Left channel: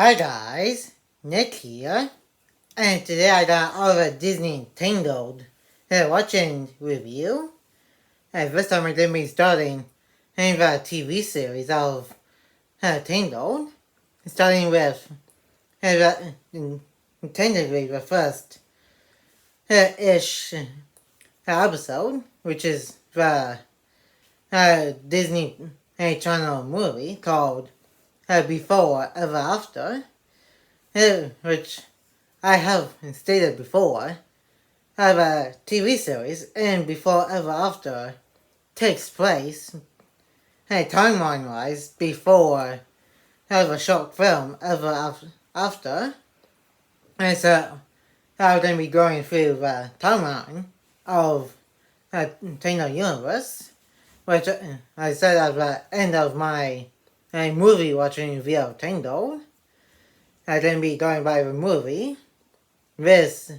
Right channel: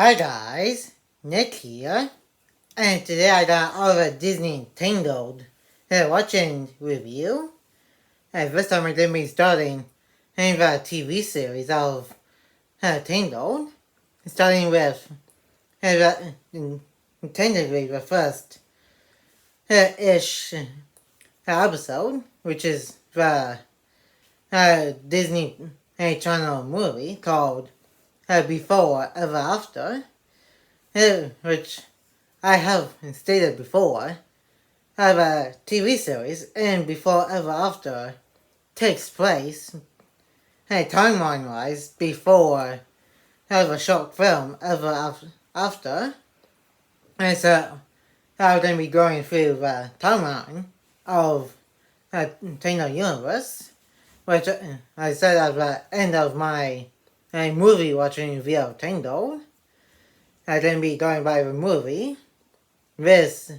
Hi guys, Nick here, and today I got all the Disney Tangled watching review. And this time we're going to be starting the TV series of Tangled, starting with tentatively the first ish episode, which is the Disney Channel movie called Before Ever After, which I have stated before, a TV series, and Before Ever After takes place, timeline-wise, before a short film Ever After. And so I'm going to be going through the timeline of the Tangled universe, which I said at the end of my movie watching review of Tangled. I'm going to be going by the movie, this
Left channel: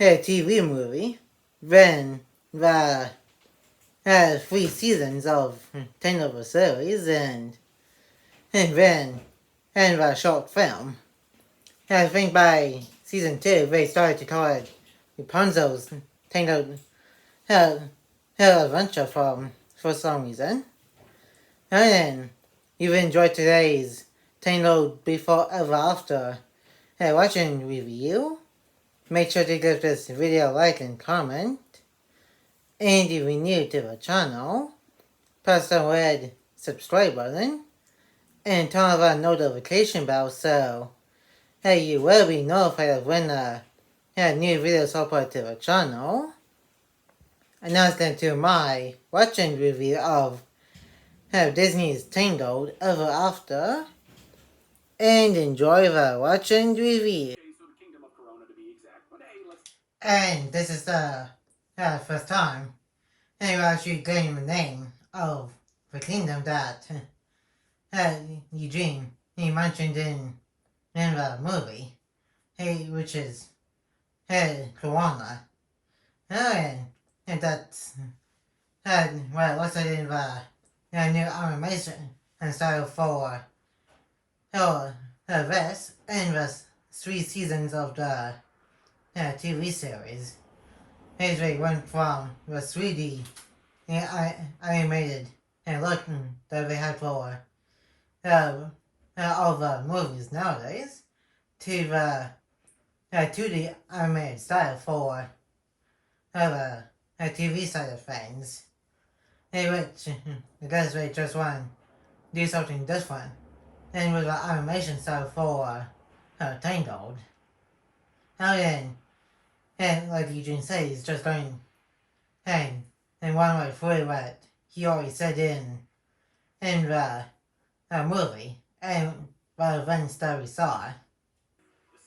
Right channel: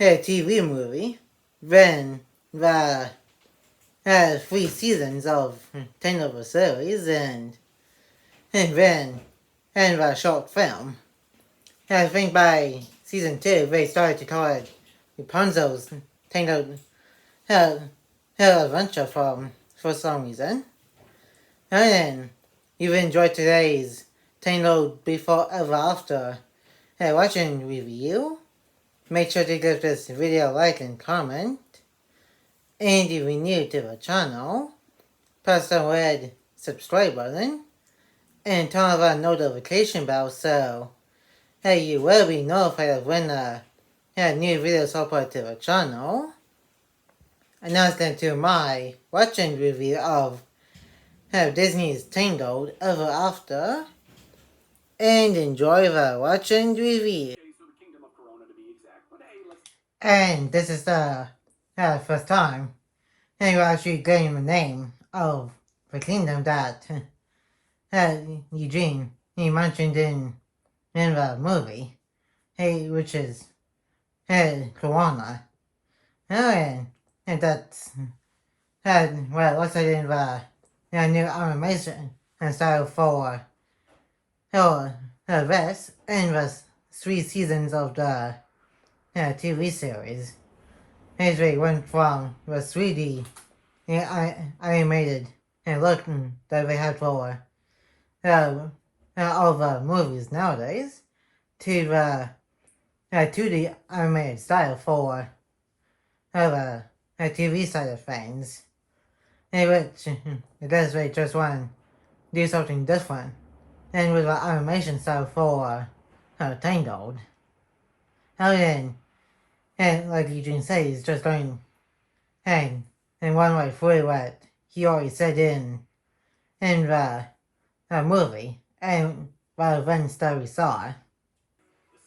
TV movie, then the 3 seasons of Tangled series, and then the short film. I think by season 2 they started to call it Rapunzel's Tangled Her Adventure for some reason. And then if you enjoyed today's Tangled Before Ever After watching review, make sure to give this video a like and comment. And if you're new to the channel, press the red subscribe button and turn on the notification bell so you will be notified of when new videos upload to the channel. And now let's get to my watching review of Disney's Tangled Ever After, and enjoy the watching review. And this is the first time you're actually getting the name of the kingdom that Eugene he mentioned in the movie, which is Corona. And that's well, what's it in the new animation and style for this and the 3 seasons of the TV series. They went from the 3D animated look that they had for all the movies nowadays to the 2D animated style for the TV side of things. Which I guess they just want to do something different and with the animation style for Tangled. And like Eugene said, he's just going and one way through what he already said in the movie and what events that we saw. The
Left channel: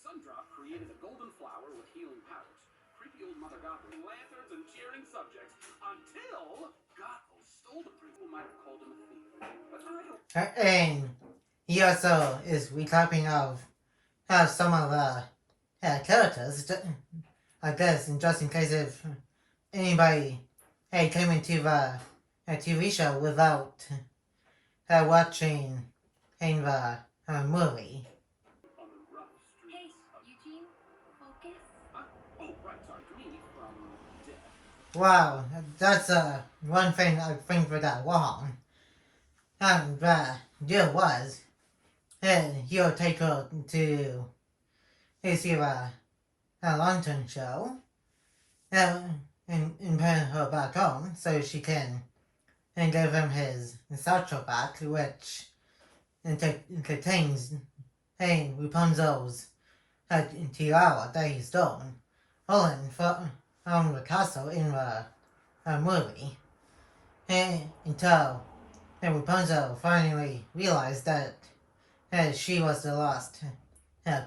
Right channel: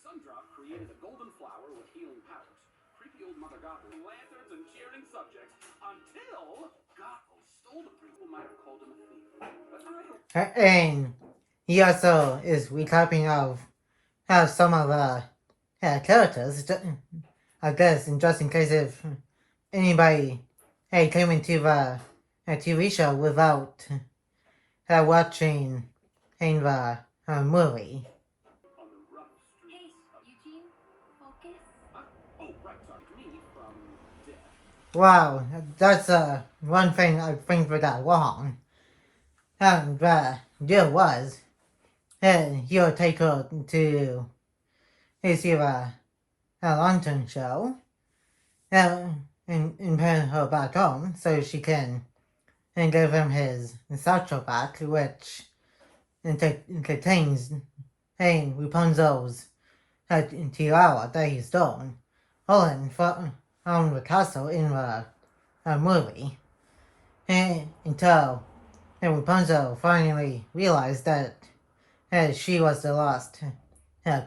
Sundrop created a golden flower with healing powers. Creepy old Mother Gothel, lanterns and cheering subjects until Gothel stole the prince. Who might have called him a thief. But I don't. And he also is recapping of some of the characters, I guess, just in case if anybody came into the TV show without watching in the movie. Hey, Eugene, focus. Oh, right, sorry. Me from death. Wow, that's one thing I think we got wrong. The deal was, he'll take her to see the lantern show, and bring her back home so she can give him his satchel back, which contains Rapunzel's tiara that he stole from the castle in the movie, until Rapunzel finally realized that she was the lost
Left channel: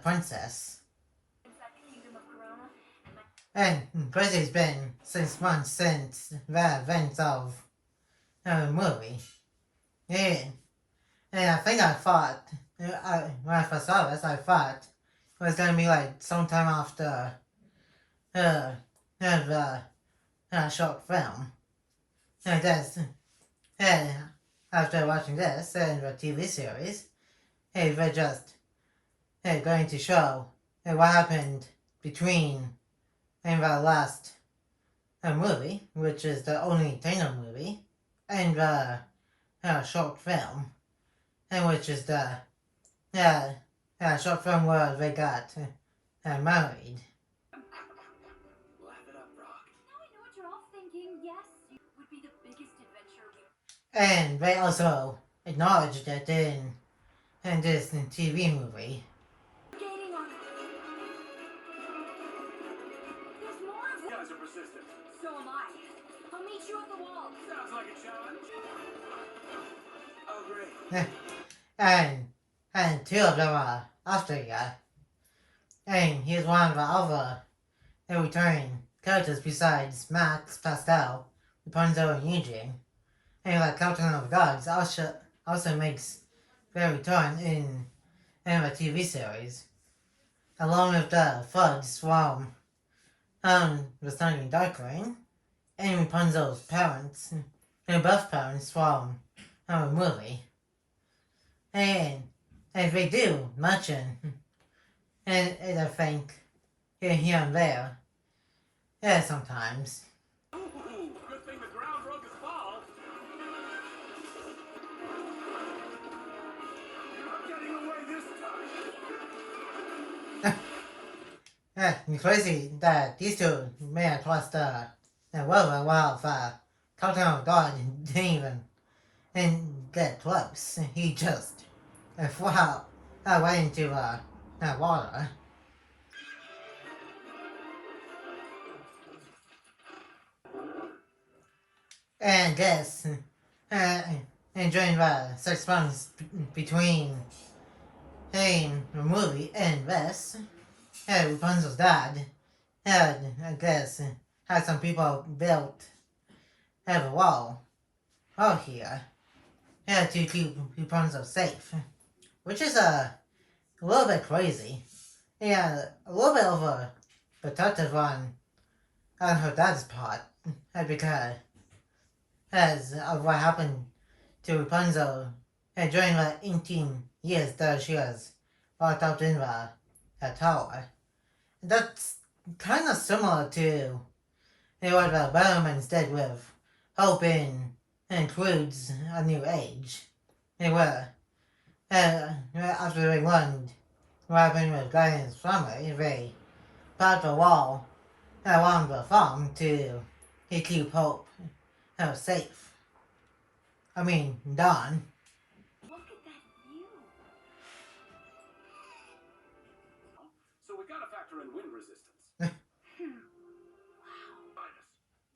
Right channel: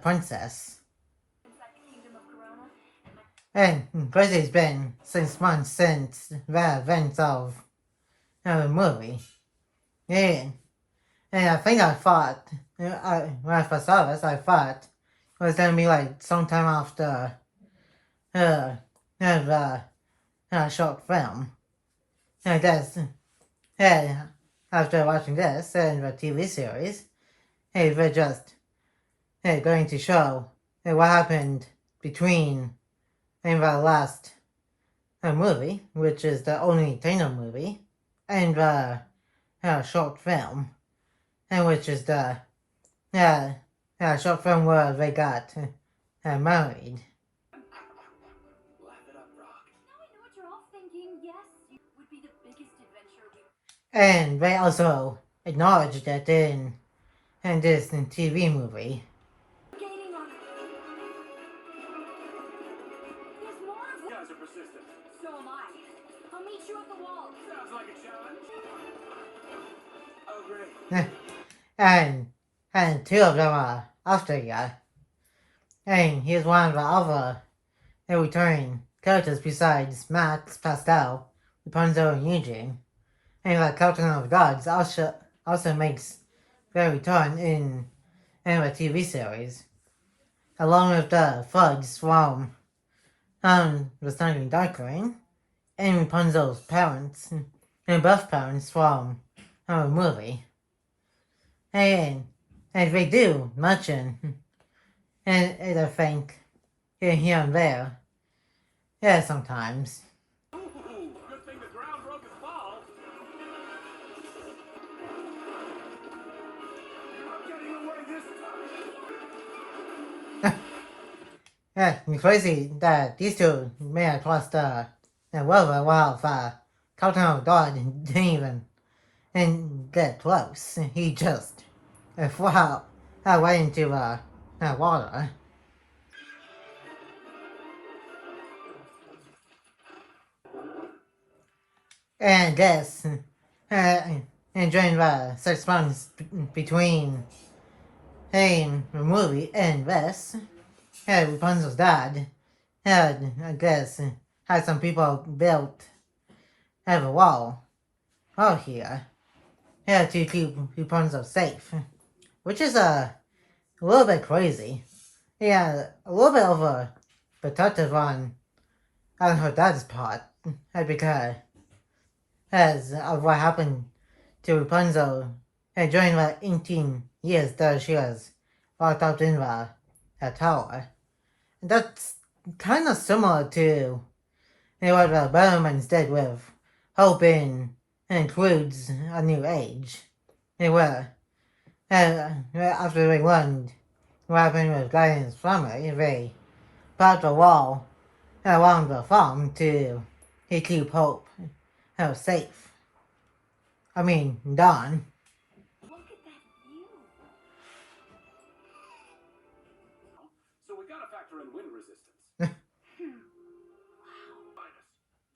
princess. And it's been 6 months since the events of the movie. And I think I thought, when I first saw this, I thought it was going to be like sometime after the short film. And that's, after watching this and the TV series, they just going to show what happened between the last movie, which is the only Tangled movie, and the short film, and which is the short film where they got married. Laugh it up, Rock. Now I know what you're all thinking. Yes, it would be the biggest adventure we. And they also acknowledged that in this TV movie. Skating on. There's more of You guys are persistent. So am I. I'll meet you at the wall. Sounds like a challenge. Oh, great. and two of them are Australia. And here's one of the other returning characters besides Max, Pascal, Rapunzel, and Eugene. And the Captain of the Gods also makes their return in the TV series, along with the thugs from the Standing Darkling, and Rapunzel's parents, and both parents from the movie. And they do mention, and I think, here and there, sometimes. Ooh, good thing the ground broke his fall. You're not getting away this time. It's crazy that these two may have crossed the river while the Captain of God didn't even get close. He just flew out right into the water. And guess, enjoying the sex bonds between the movie and this, Rapunzel's dad had, I guess, had some people built a wall here to keep Rapunzel safe, which is a little bit crazy. Yeah, a little bit overprotective on her dad's part, because as of what happened to Rapunzel during the 18 years that she was locked up in the tower. That's kind of similar to what the Bellmans did with Hope includes a new age. They were after they learned what happened with Guardian's family, they built a wall around the farm to keep Hope safe. I mean, Dawn. Look at that view. So we gotta factor in wind resistance. Wow.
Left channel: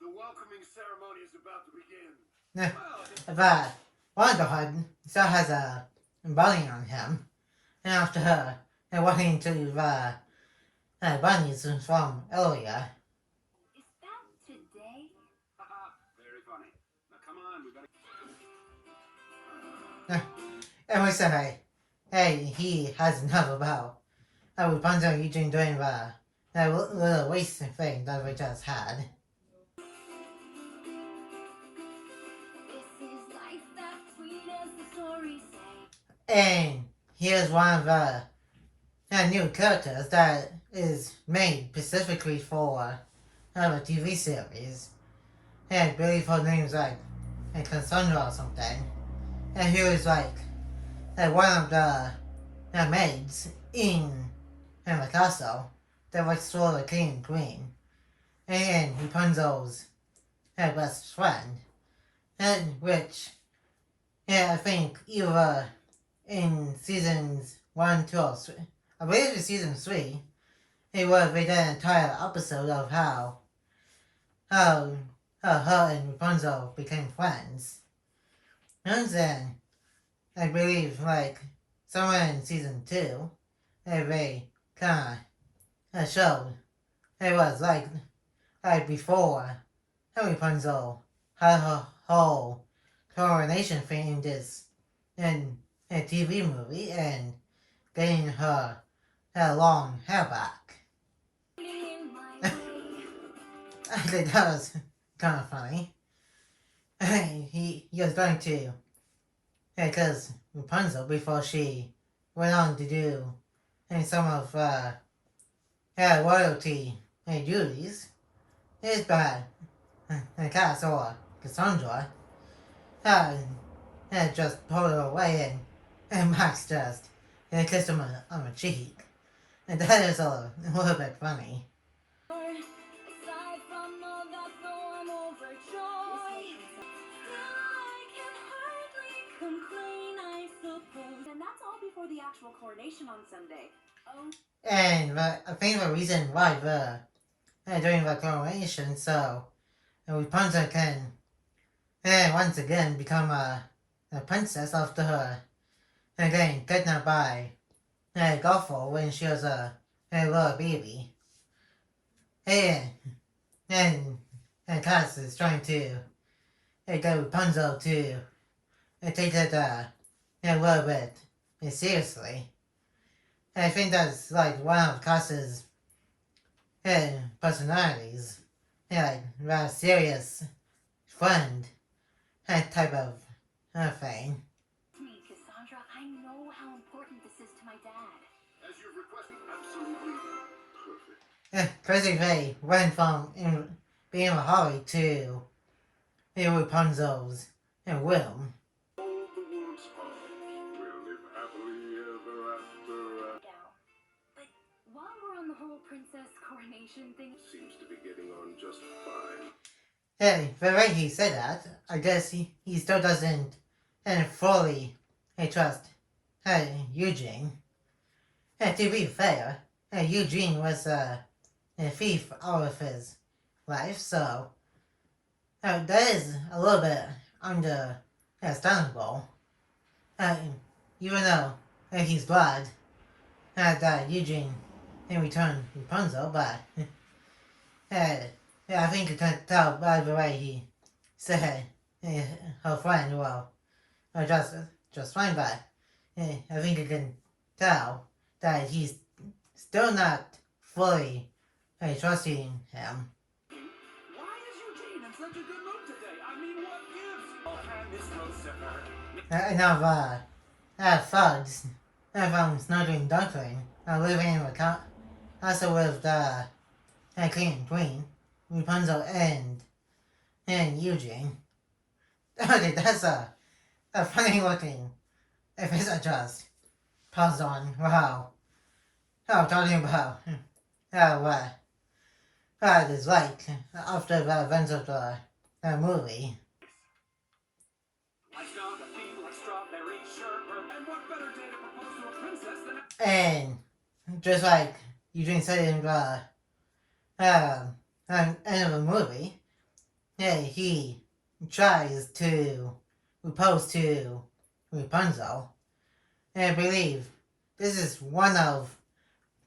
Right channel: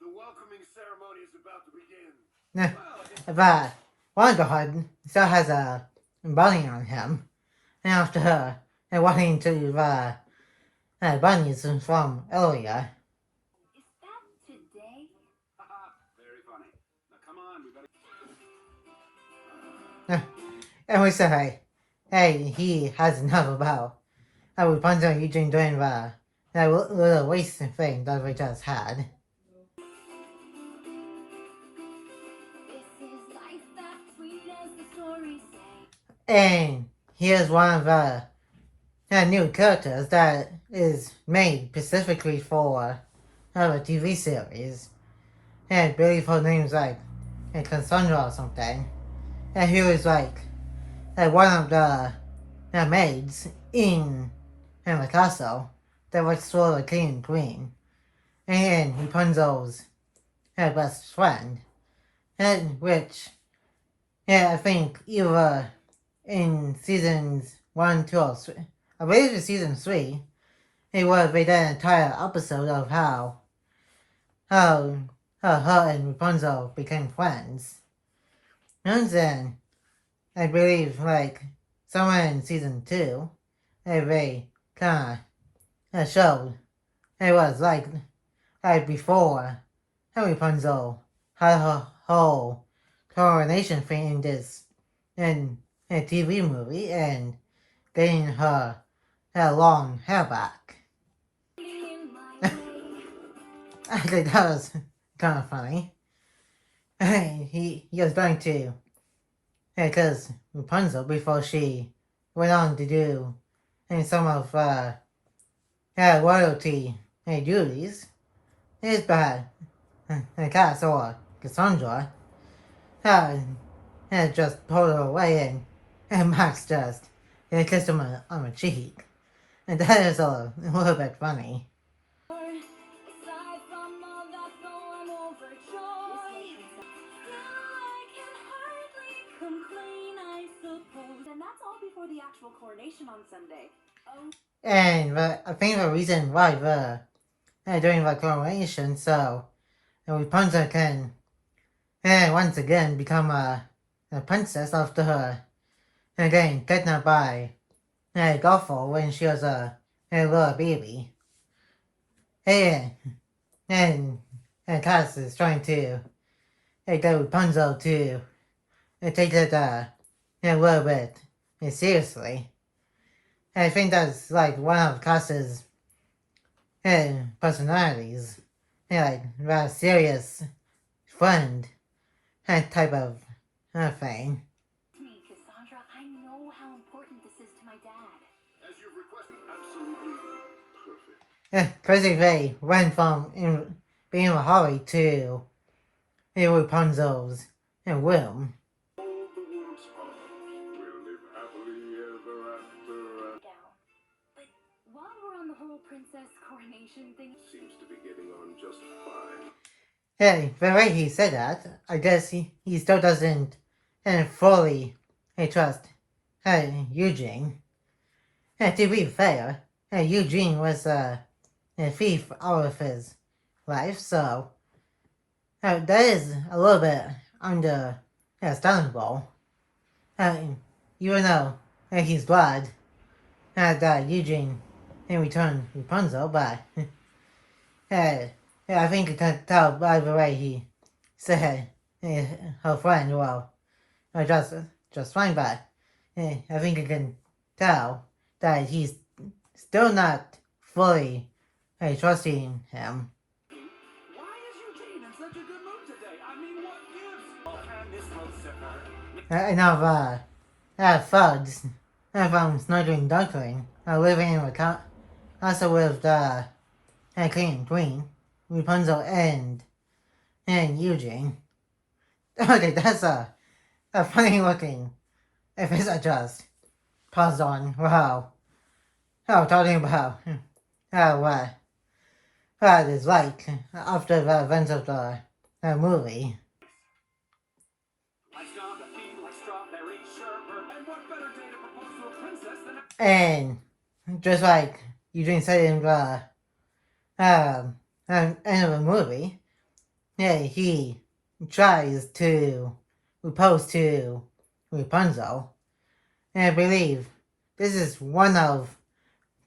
The welcoming ceremony is about to begin. But Wondershare still has a bunny on him. And after her, walking to the bunnies from earlier. Is that today? Haha, very funny. Now come on, we better. And we say, hey, he has enough about Rapunzel and Eugene doing the little race thing that we just had. This is life, that sweet as the stories say. And here's one of the new characters that is made specifically for the TV series. And I believe her name's like Cassandra or something. And he was like one of the maids in the castle that works for the king and queen. And Rapunzel's best friend. And which, I think either in seasons 1, 2, or 3, I believe it's season 3, they did an entire episode of how her and Rapunzel became friends. And then, I believe, like, somewhere in season 2, they kind of showed it was like before Rapunzel had her whole coronation thing in this in a TV movie and getting her long hair back. In my way. I think that was kind of funny. He was going to, because Rapunzel, before she went on to do some of royalty duties is by Cass or Cassandra. Just pulled her away and Max just kissed him on the cheek. And that is a little bit funny. Aside from all that, though, I'm overjoyed. Now I can hardly complain, I suppose. And that's all before the actual coronation on Sunday. Oh. And I think the reason why they're doing the coronation, so Rapunzel can once again become a princess after her getting kidnapped by Gothel when she was a little baby. And Cass is trying to get Rapunzel to take it a little bit seriously. And I think that's like one of Cass's personalities. Like rather serious friend type of thing. Me, Cassandra, I know how important this is to my dad. As you've requested, absolutely perfect. Basically went from being a Holly to Rapunzel's room. All the world's heart will live happily ever after. Gal. But while we're on the whole princess coronation thing, Seems to be getting on just fine. Yeah, the way he said that, I guess he still doesn't fully trust Eugene. To be fair, Eugene was a thief all of his life, so that is a little bit understandable. Even though he's glad that Eugene in return Rapunzel, but I think you can tell by the way he said her friend, well, just fine, but I think you can tell that he's still not fully trusting him. Why is Eugene in such a good mood today? I mean, what gives? Oh, and this road sipper. Now, thugs from Snuggling Duckling are living in a castle with King and Queen, Rapunzel, and Eugene. Okay, that's a funny looking face I just paused on. Wow. Talking about what it's like after the events of the movie. I start to feel like strawberry sherbet. And what better day to propose to a princess than And just like Eugene said in the end of the movie, he tries to propose to Rapunzel. And I believe this is one of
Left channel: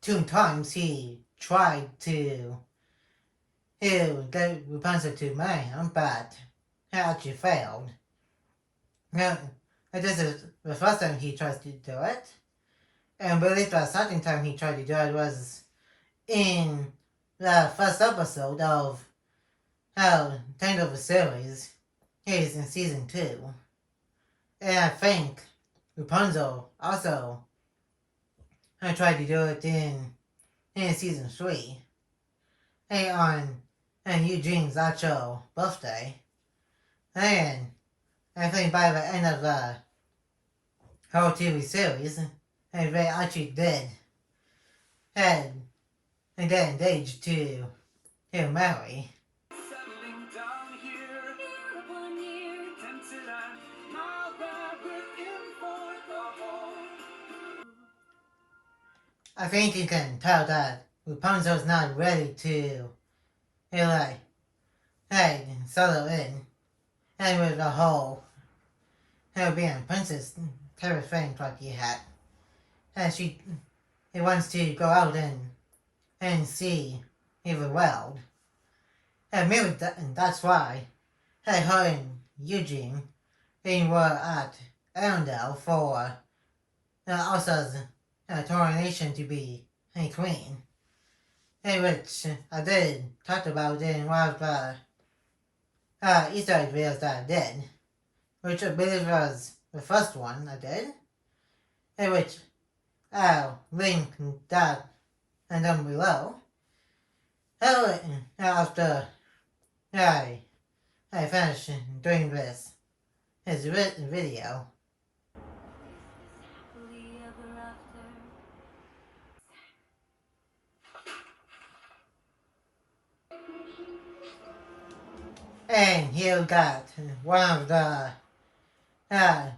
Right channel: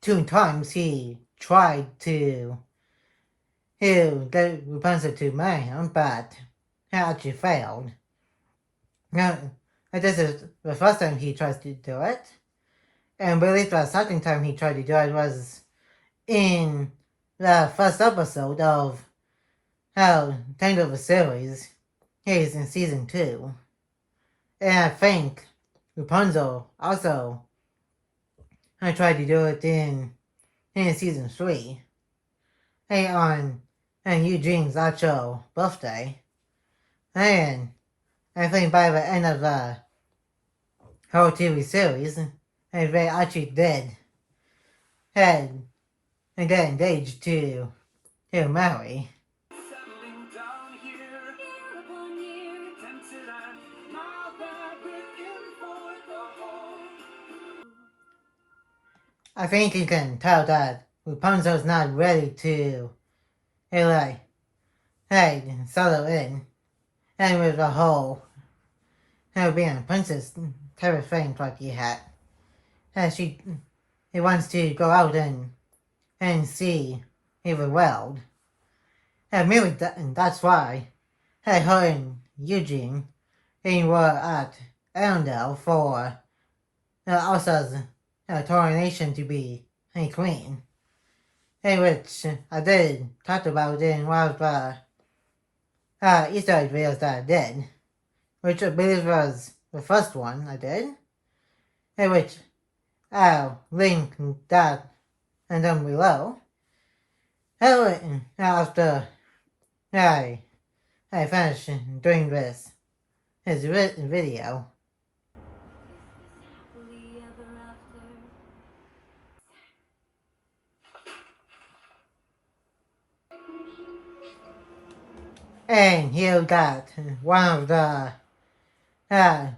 2 times he tried to get Rapunzel to marry him, but he actually failed. Now, this is the first time he tries to do it. And I believe the second time he tried to do it was in the first episode of Tangled series. He's in season 2. And I think Rapunzel also tried to do it in season 3. On Eugene's actual birthday. And I think by the end of the whole TV series, they actually did and get engaged to marry. settling down here. year upon year, Tempted and now that we're in for the whole. I think you can tell that Rapunzel's not ready to settle in. And with the whole being a princess type of thing like he had. And he wants to go out and see the world. And maybe that's why her and Eugene were at Arendelle for Elsa's coronation to be a queen. Which I did talk about in one of the Easter egg videos that I did, which I believe was the first one I did, which I'll link that and down below. After I finish doing this video. Happily ever after. And you got one of the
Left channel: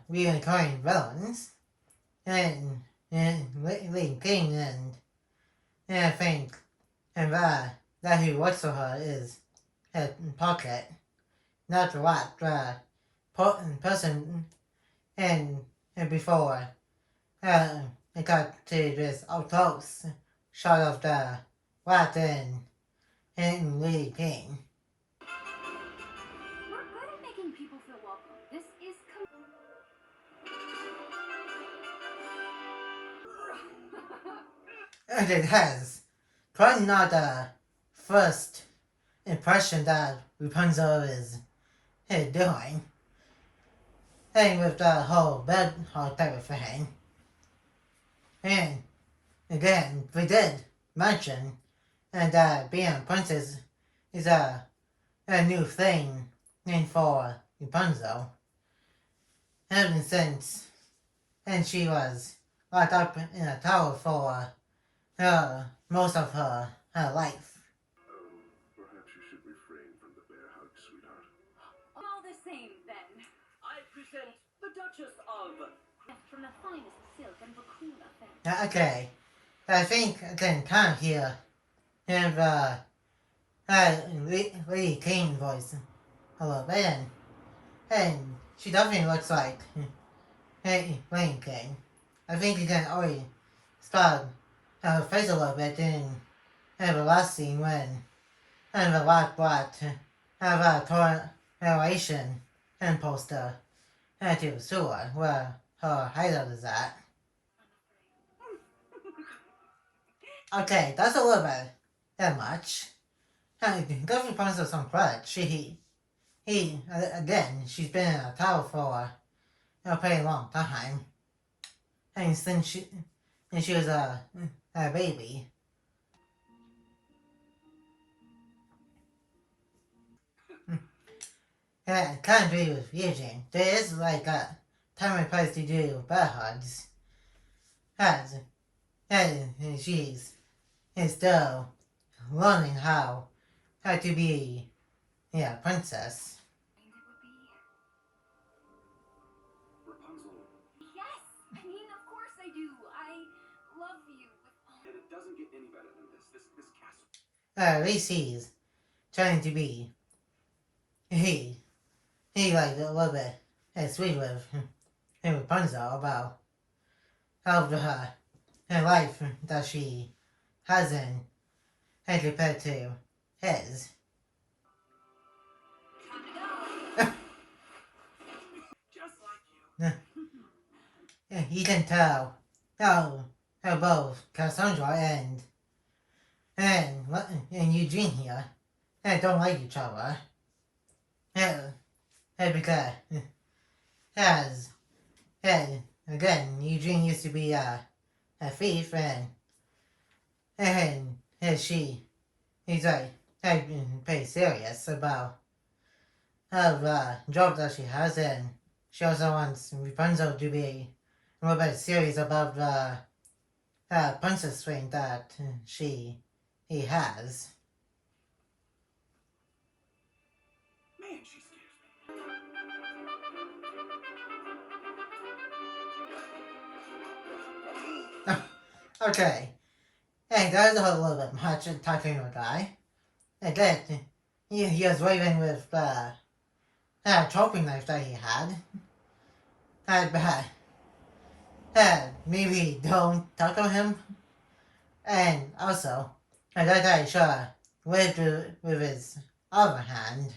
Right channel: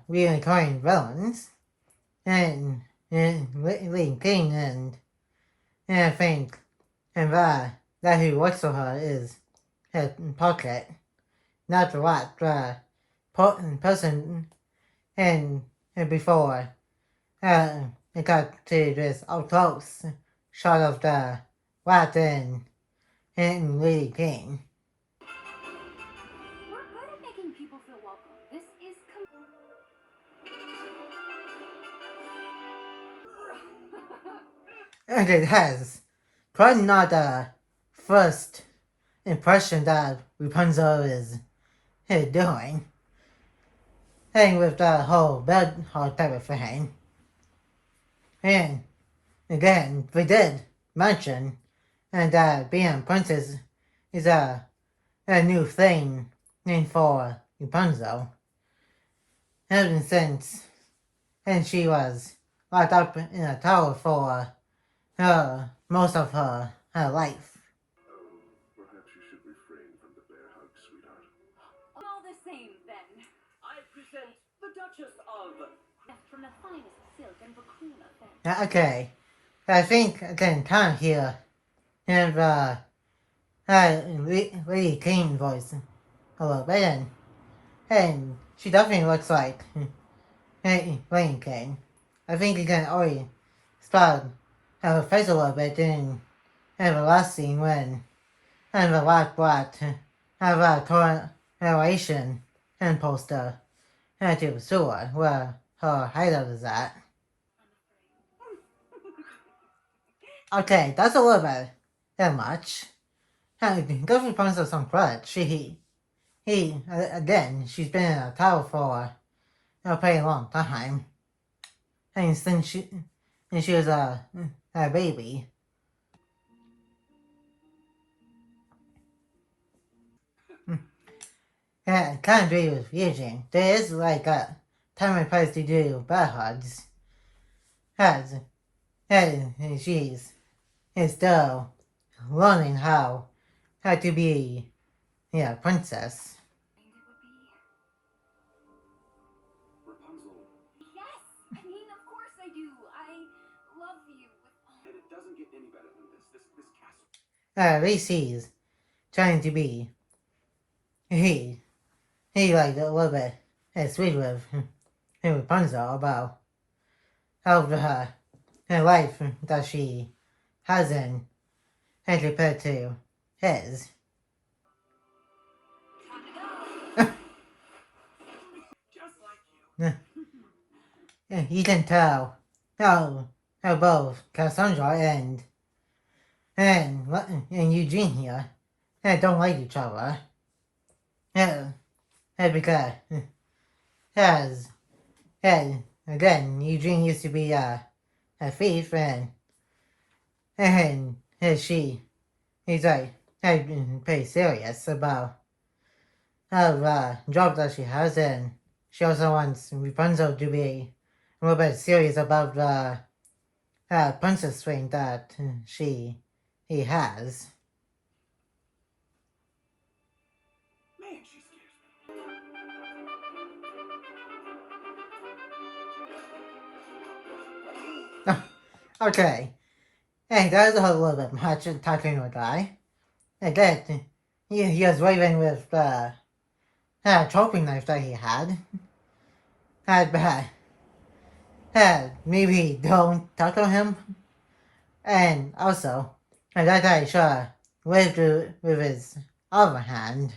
recurring villains, and Lee King, and I think and that who works for her is her pocket, not what the person and before it got to this up close shot of the rat and Lee King. We're good at making people feel welcome. This is And it has probably not the first impression that Rapunzel is doing. And with the whole bed hog type of thing. And again, we did mention and that being a princess is a new thing named for Rapunzel. Ever since and she was locked up in a tower for most of her life. Perhaps you should refrain from the bear hug, sweetheart. all the same then. I present the Duchess of... From the finest silk and vicuna fabric. Okay, I think I can kind of hear Lady King voice a little bit, and she definitely looks like Lady King. I think you can already spot her face a little bit in the last scene when the Black brought have a narration and poster to the store where her hideout is at. Okay, that's a little bit that much. Governor Rapunzel some credit. He again, she's been in a tower for a pretty long time, and since she was a baby. Yeah, kind of agree with Eugene. There is like a time and place to do bear hugs. And she's still learning how to be a princess. Rapunzel. Yes! I mean, of course I do. I love you with all. And it doesn't get any better than this. This castle. At least he's trying to be. He like a little bit sweet with Rapunzel about her life that she hasn't compared to his. Just like you. Yeah, you can tell how both Cassandra and Eugene here don't like each other. Because again, Eugene used to be a thief, and he's like pretty serious about the job that she has, and she also wants Rapunzel to be a little bit serious about the princess ring that he has. Man, she scares me. Okay. Hey, that was a little bit much talking to a guy. And then he was waving with the chopping knife that he had. Maybe don't talk to him. And also, that guy sure waved with his other hand.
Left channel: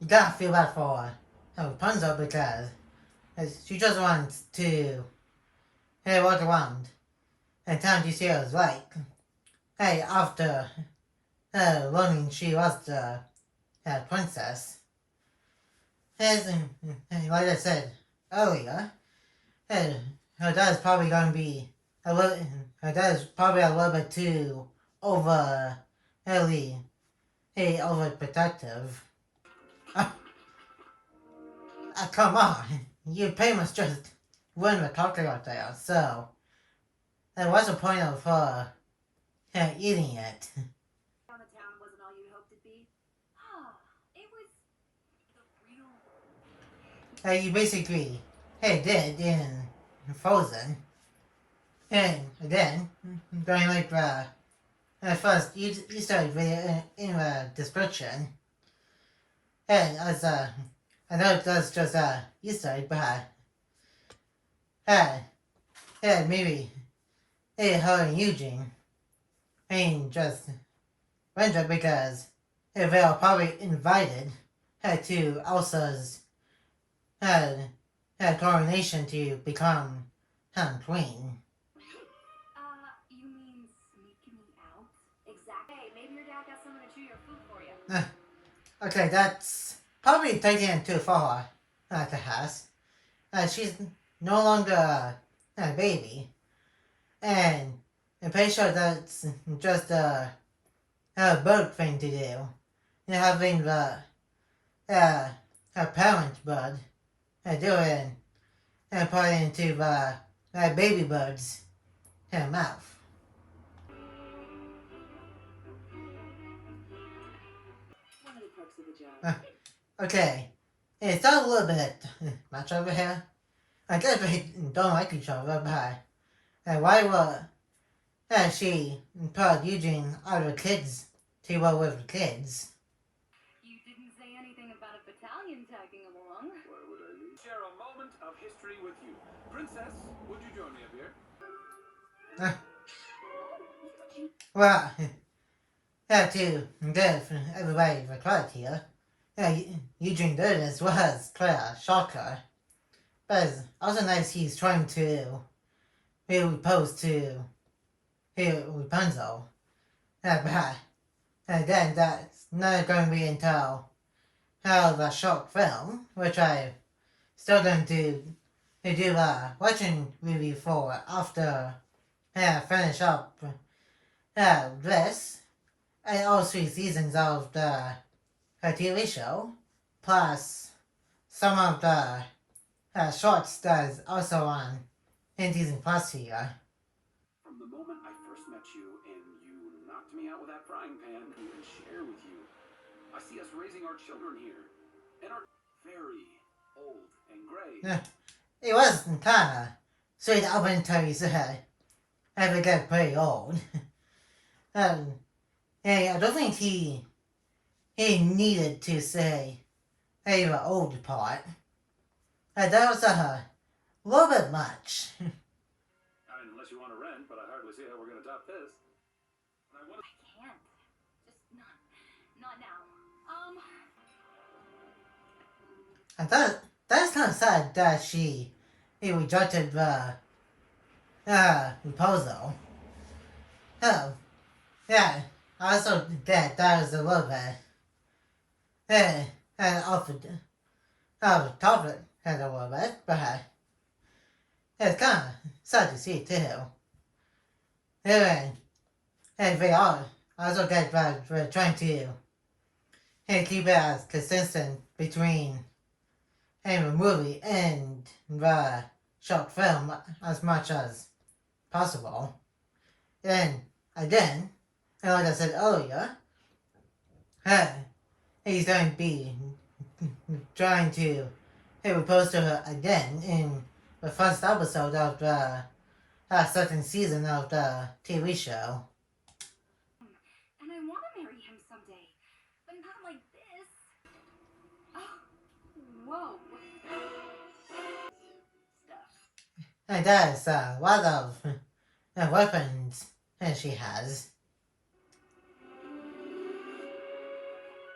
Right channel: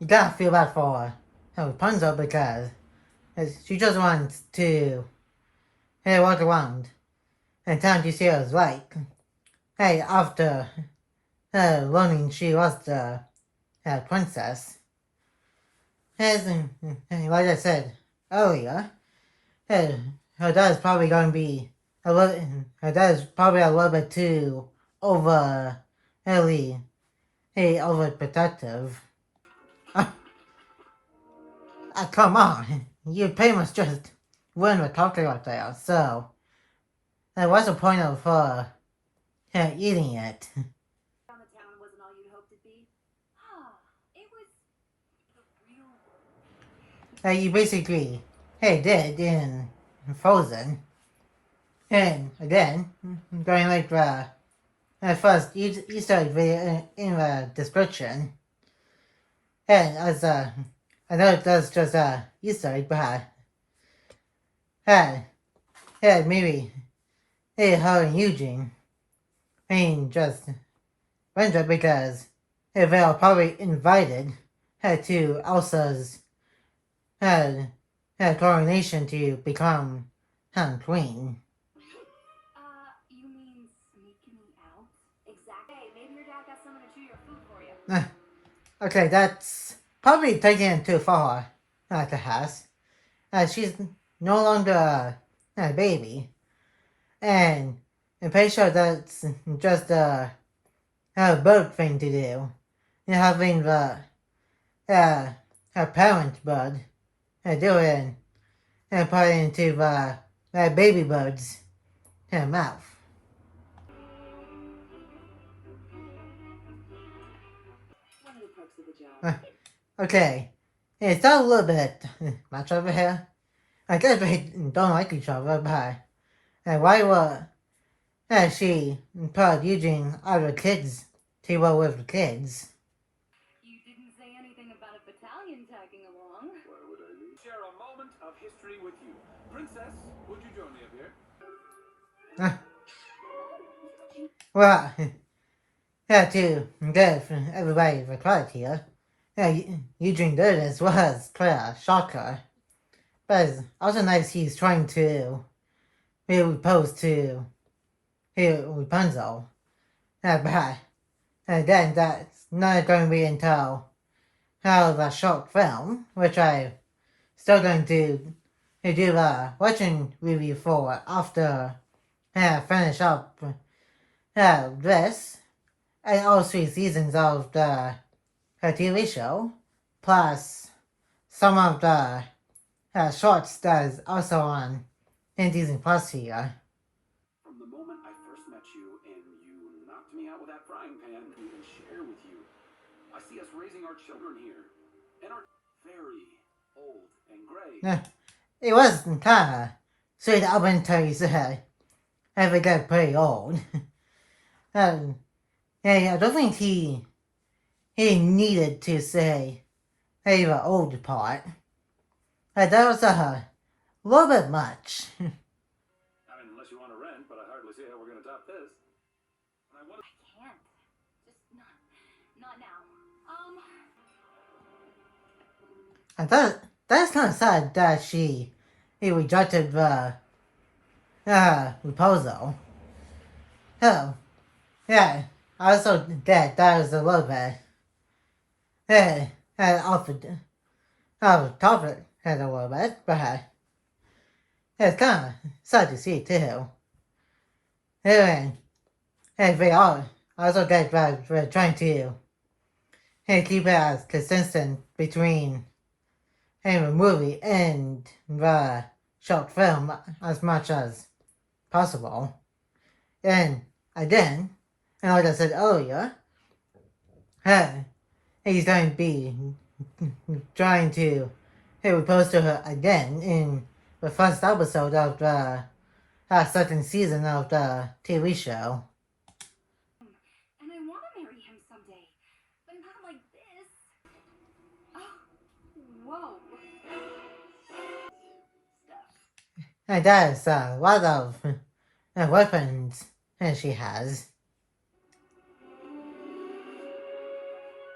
You gotta feel bad for Rapunzel because she just wants to walk around and time to see what it's like. Hey, after learning she was the princess. As like I said earlier, her dad's probably going to be her dad's probably a little bit too really overprotective. Come on, you pretty much just ruined the talking right there. So what's the point of eating it? On the town wasn't all you'd hoped it'd be. It was the real world. You basically did in Frozen. And again, going like first Easter egg video in the description. And as I know that's just Easter egg, but maybe her and Eugene just wonder because they were probably invited to Elsa's coronation to become queen. You mean sneaking me out? Exactly. Hey, maybe your dad got someone to chew your food for you. Okay, that's probably taking it too far to Hess. She's no longer a baby. And I'm pretty sure that's just a bird thing to do. Having the her parent bird do it and put it into the baby bird's mouth. One of the perks of the job. Okay, it's not a little bit much over here. I guess we don't like each other, but why would she put Eugene out of kids to work with the kids? You didn't say anything about a battalion tagging along. Why would I leave? Share a moment of history with you. Princess, would you join me up here? Well, to give everybody the credit here, Eugene did this was quite a shocker. But it's also nice he's trying to be opposed to Rapunzel. But again, that's not going to be until the short film, which I'm still going to do a watching review for after finish up this and all 3 seasons of the TV show, plus some of the shorts that is also on in Disney Plus here. From the moment I first met you and you knocked me out with that frying pan to even share with you, I see us raising our children here, and are very old and gray. It was kind of sweet up until you said they get pretty old. I don't think he needed to say the old part. That was a little bit much. I mean, unless you want to rent, but I hardly see how we're going to top this. I I can't. Just not now. That's kind of sad that he rejected the proposal. Oh, yeah. I also that was a little bit off the topic a little bit, but it's kind of sad to see too. Anyway, they all also get we're trying to keep it as consistent between the movie and the short film as much as possible. And again, and like I said earlier, he's going to be trying to propose to her again in the first episode of the second season of the TV show. And I want to marry him someday, but not like this. Oh, whoa. Stuff. And there's a lot of weapons she has.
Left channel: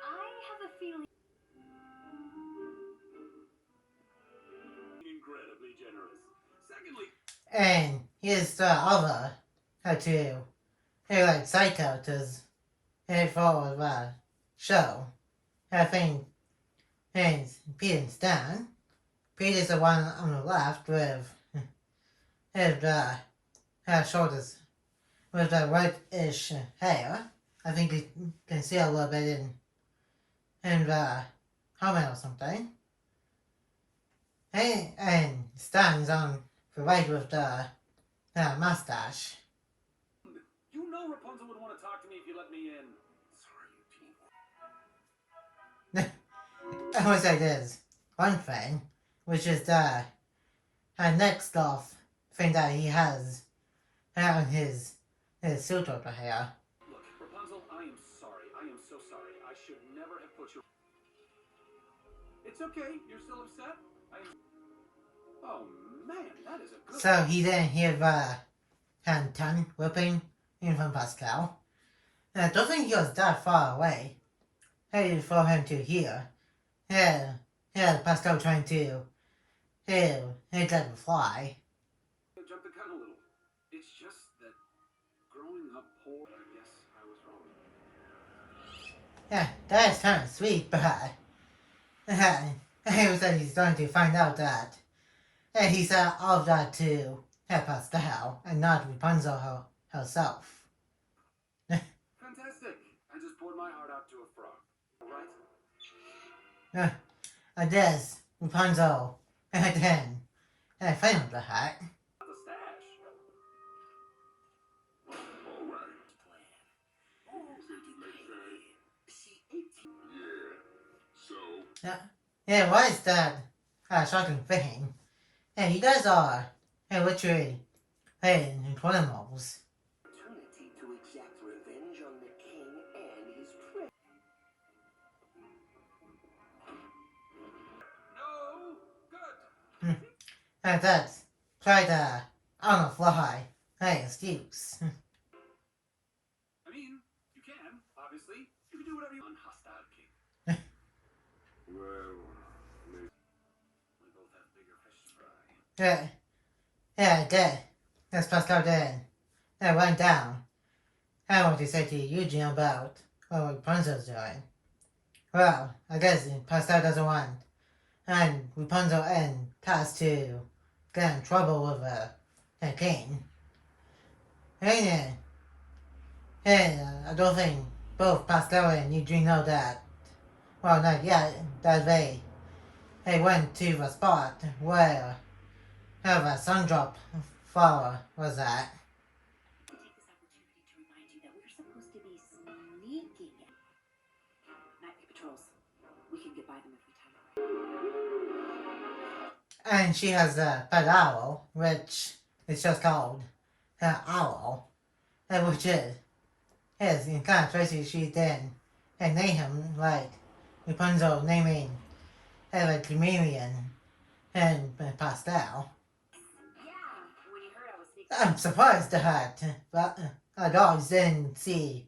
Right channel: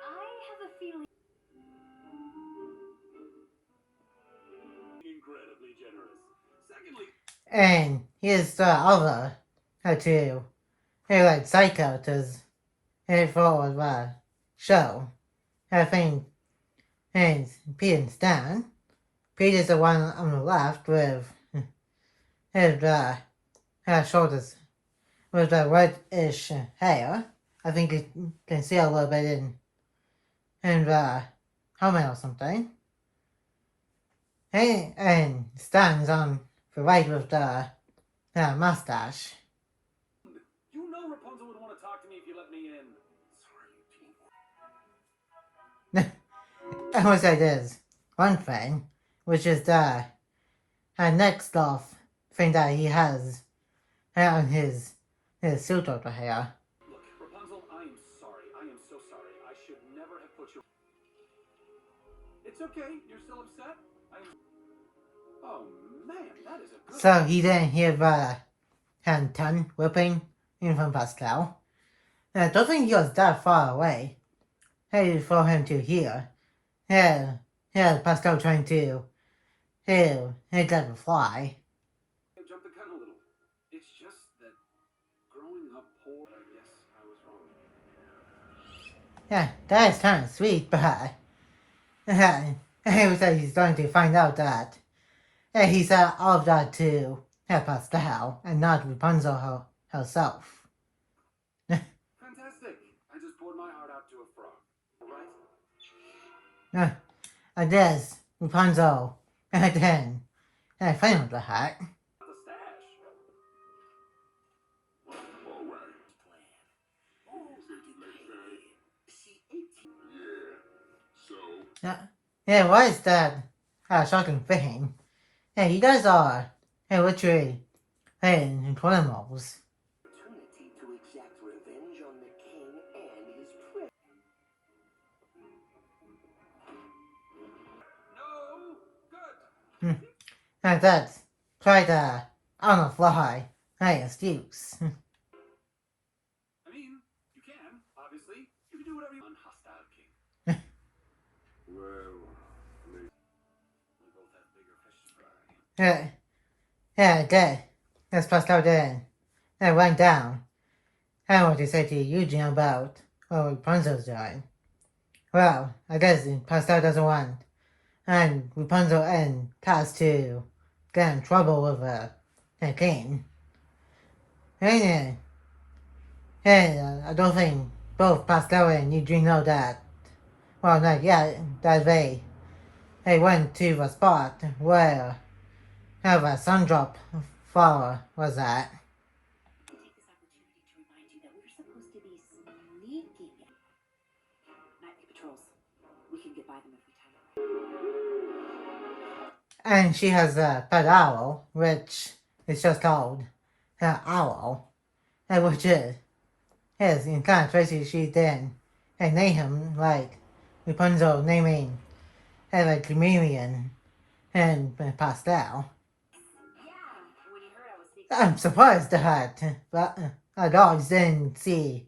I have a feeling. incredibly generous. Secondly, And here's the other two like side characters for the show. I think and Pete and Stan. Pete is the one on the left with his shoulders with the whitish hair. I think you can see a little bit in the helmet or something. And Stan's on the right with the mustache. You know Rapunzel would want to talk to me if you let me in. Sorry, you And what that is one thing, which is the next off thing that he has on his suit over here. Look, Rapunzel, I am sorry. I am so sorry. I should never have put you. It's okay. You're still upset? I am. Oh man, that is a good. So he didn't hear the tongue whipping in from Pascal. And I don't think he was that far away. For him to hear. Pascal trying to let him fly. I jumped the gun a little. It's just that growing up poor, I guess I was wrong. Yeah, that is kind of sweet, but it was like he's starting to find out that he said all of that to Pascal and not Rapunzel herself. Fantastic. I just poured my heart out to a frog. All right? I guess Rapunzel and then playing with the hat. The stash. All right. See, 18. Yeah. So, Yeah, why is that shocking thing? Yeah, you guys are literally animals. Opportunity to exact revenge on the king and his prince. No. Good. And that's quite on the fly excuse. I mean, you can, obviously. You can do whatever you want. Hostile king. well, maybe. We both have bigger fish to fry. Yeah, did. That's Pascal did. And went down. And what he said to Eugene about what Rapunzel's doing. Well, I guess Pascal doesn't want and Rapunzel and Taz to get in trouble with the king. And I don't think both Pascal and Eugene know that. Well, not yet. That they went to the spot where the Sundrop flower was at. Take this opportunity to remind you that we're supposed to be sneaking. Nightly patrols. We can get by them if we time it right. And she has a pet owl, which is just called Owl, which is in kind of crazy. She did and name him like Rapunzel naming like Chameleon and Pastel. Yeah, when you heard I was sneaking. I'm surprised that but our dogs didn't see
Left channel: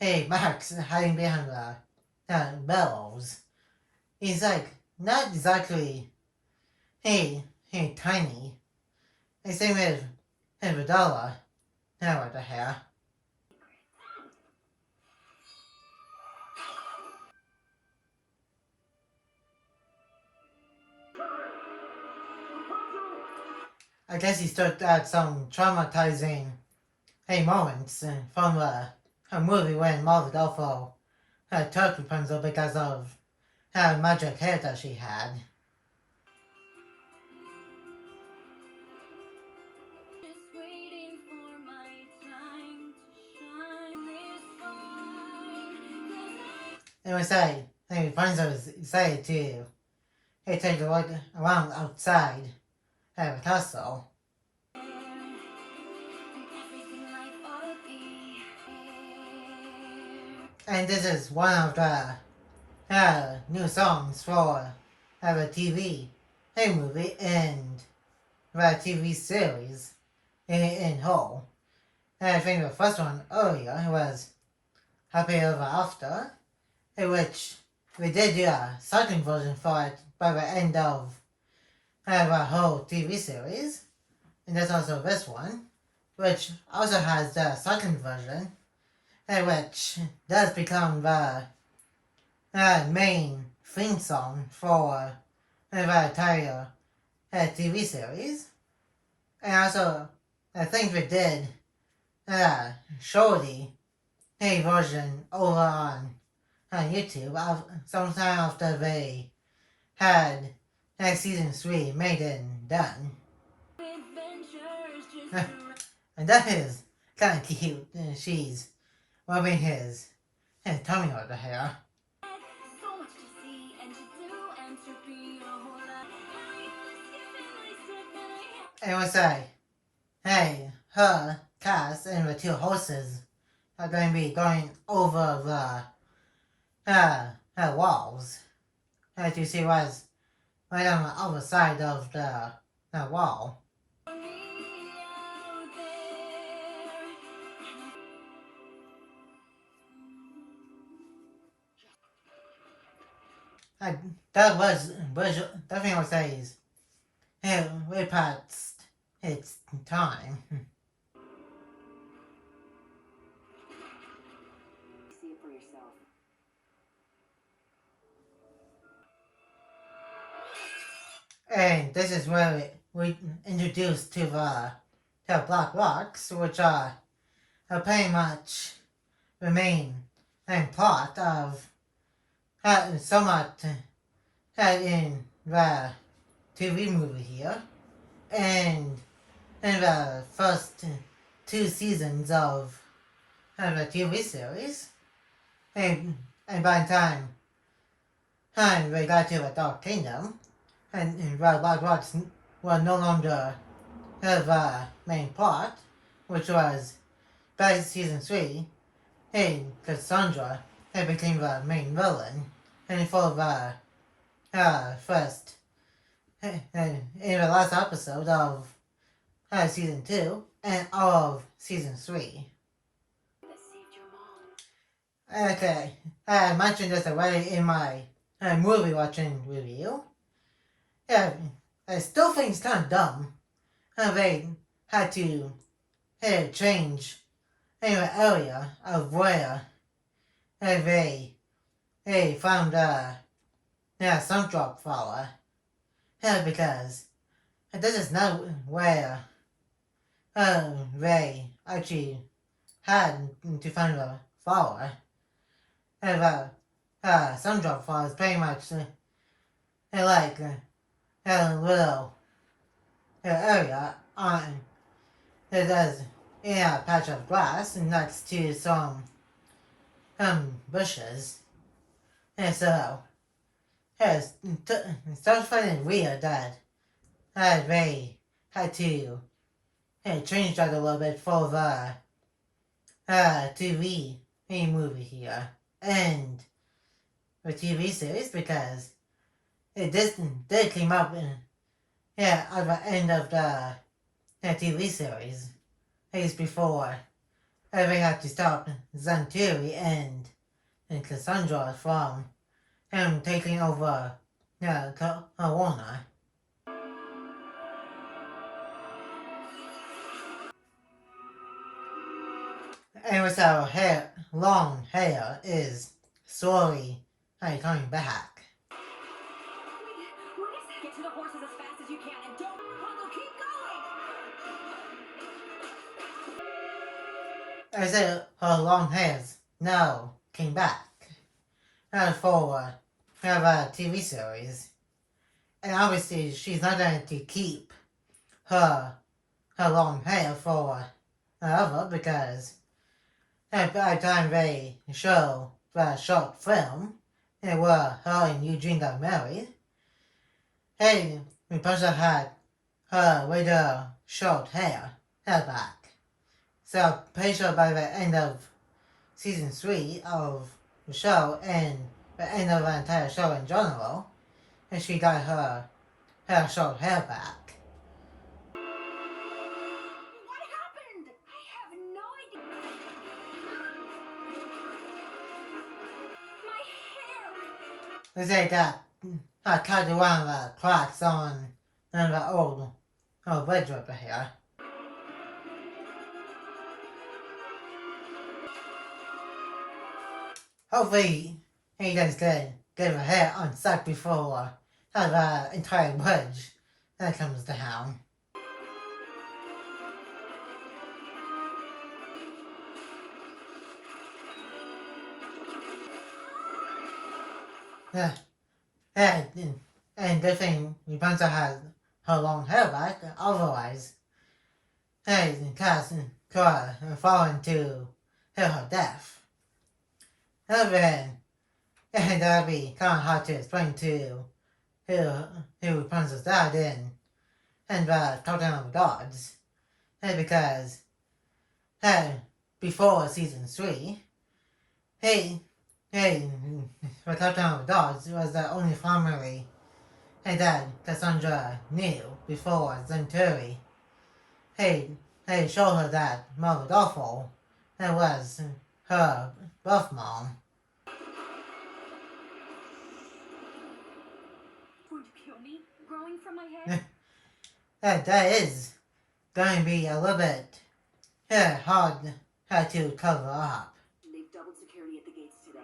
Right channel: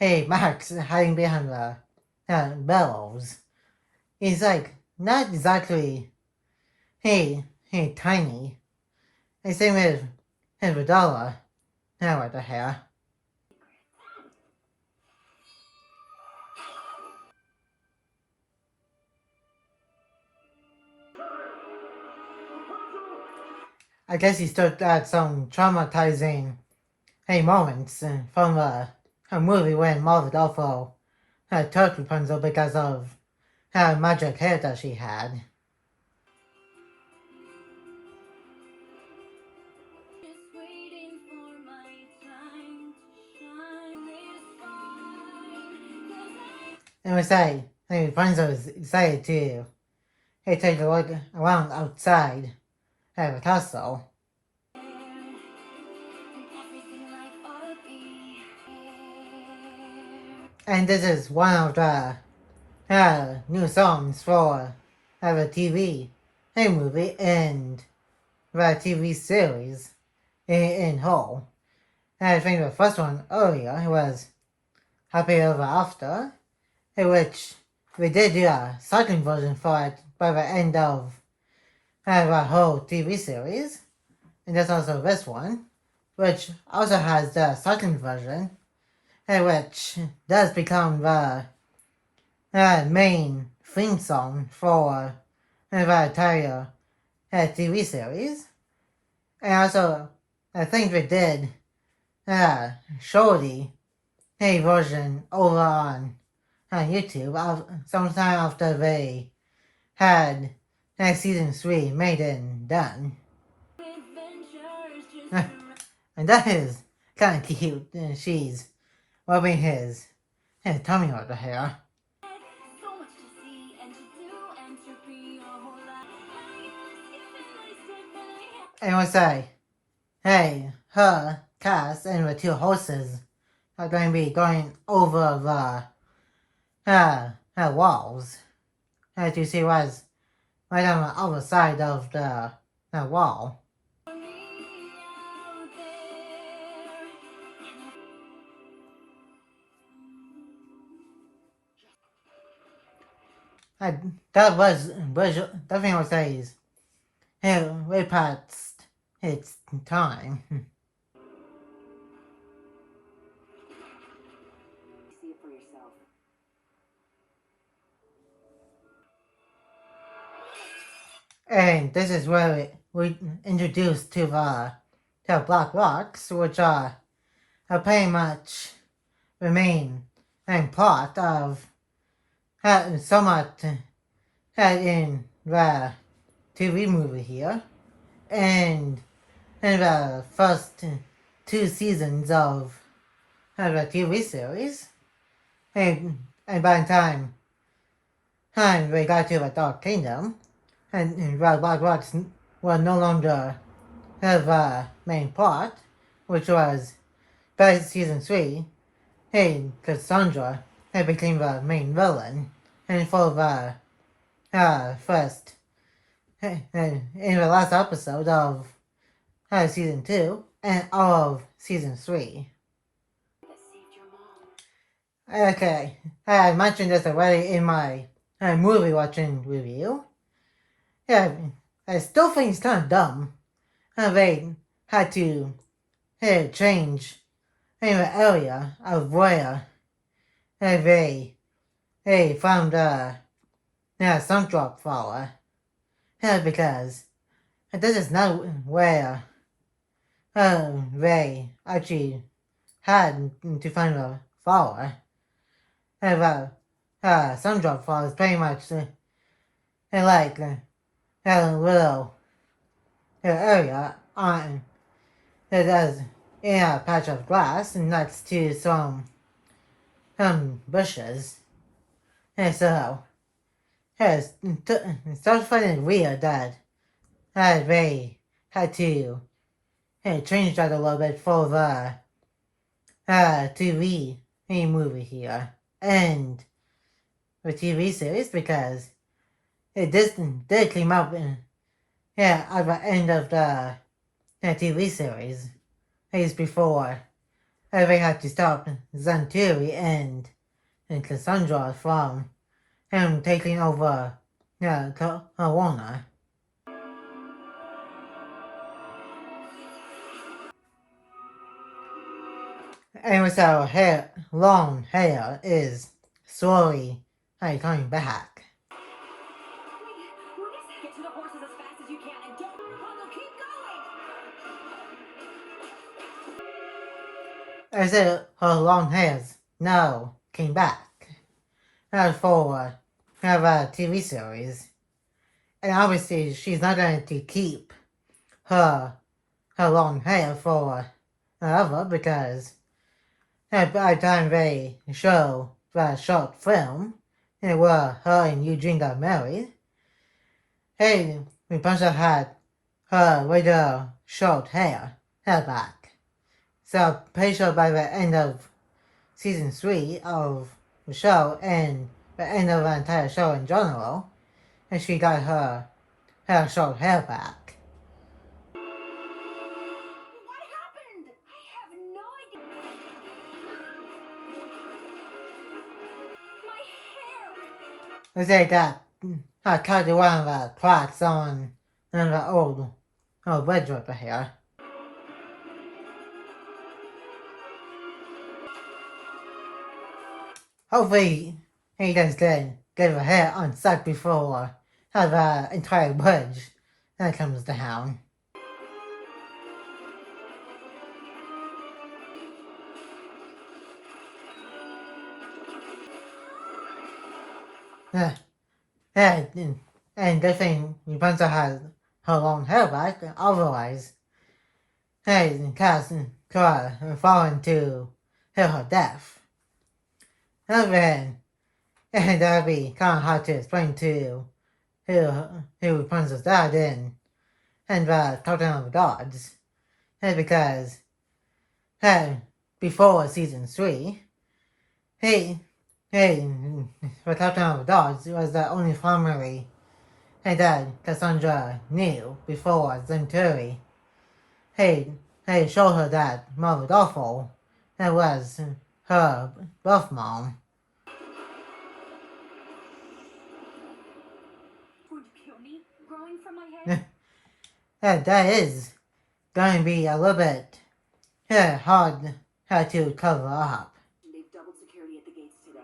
Max hiding behind the bellows. He's like not exactly tiny. The same with Vidala. Now what the hell? I guess he still got some traumatizing moments from a movie when Marvel Dolpho took Rapunzel because of how magic hair that she had. Just waiting for my time to shine this fine. And we say, Rapunzel is excited to take a look around outside the castle. And this is one of the new songs for the TV movie and the TV series in whole. And I think the first one earlier was Happy Ever After, in which we did do a second version for it by the end of the whole TV series. And there's also this one, which also has the second version, which does become the main theme song for the entire TV series. And also, I think we did Shorty a version over on YouTube sometime after they had season 3 made and done. Adventures just around. And that is kind of cute. She's rubbing his tummy over here. So much to see and to do and to be a whole lot. And was like, hey, her, Cass, and the two horses are going to be going over the walls. As you see, was right on the other side of the wall. That was definitely what says way past its time. See it for yourself. And this is where we introduced to the Black Rocks, which are pretty much the main plot of somewhat in the TV movie here, and in the first 2 seasons of the TV series, and by the time we got to the Dark Kingdom, and the Black Rocks were no longer the main plot, which was by season 3, and Cassandra became the main villain, and for the first, in the last episode of season 2 and of season 3. That saved your mom. Okay, I mentioned this already in my movie watching review. Yeah, I still think it's kind of dumb how they had to change the area of where they found some drop flower, because this is not where they actually had to find the flower. Some drop flower is pretty much like a little area on that has a patch of grass next to some bushes. And so it starts finding weird that they had to change that a little bit for the TV movie here and the TV series, because it did come up at the end of the TV series. Days before they had to stop Zantiri and Cassandra from him taking over Corona. And with our long hair is slowly coming back. Wait a second. Get to the horses as fast as you can and don't Pongo, keep going! I said her long hairs now came back for the TV series. And obviously she's not going to keep her long hair for forever, because by the time they show the short film where her and Eugene got married, Rapunzel had her with her short hair back. So pretty sure by the end of season 3 of the show and the end of the entire show in general, and she got her short hair back. What happened? I have no idea. My hair! They say that I cut one of the clocks on the old bridge over here. Hopefully he does good get her hair unstuck before the entire bridge that comes down. Yeah, and good thing Rapunzel has her long hair back, otherwise, Cass could fall into her death. And then that'd be kind of hard to explain to who Rapunzel's dad and talking on the gods. Because before season 3, hey, for talking on the gods was the only family that Cassandra knew before Centauri. Hey, showed her that Mother Awful that was her birth mom. Going to kill me? Growing from my head? That is going to be a little bit hard to cover up. They've doubled security at the gates today.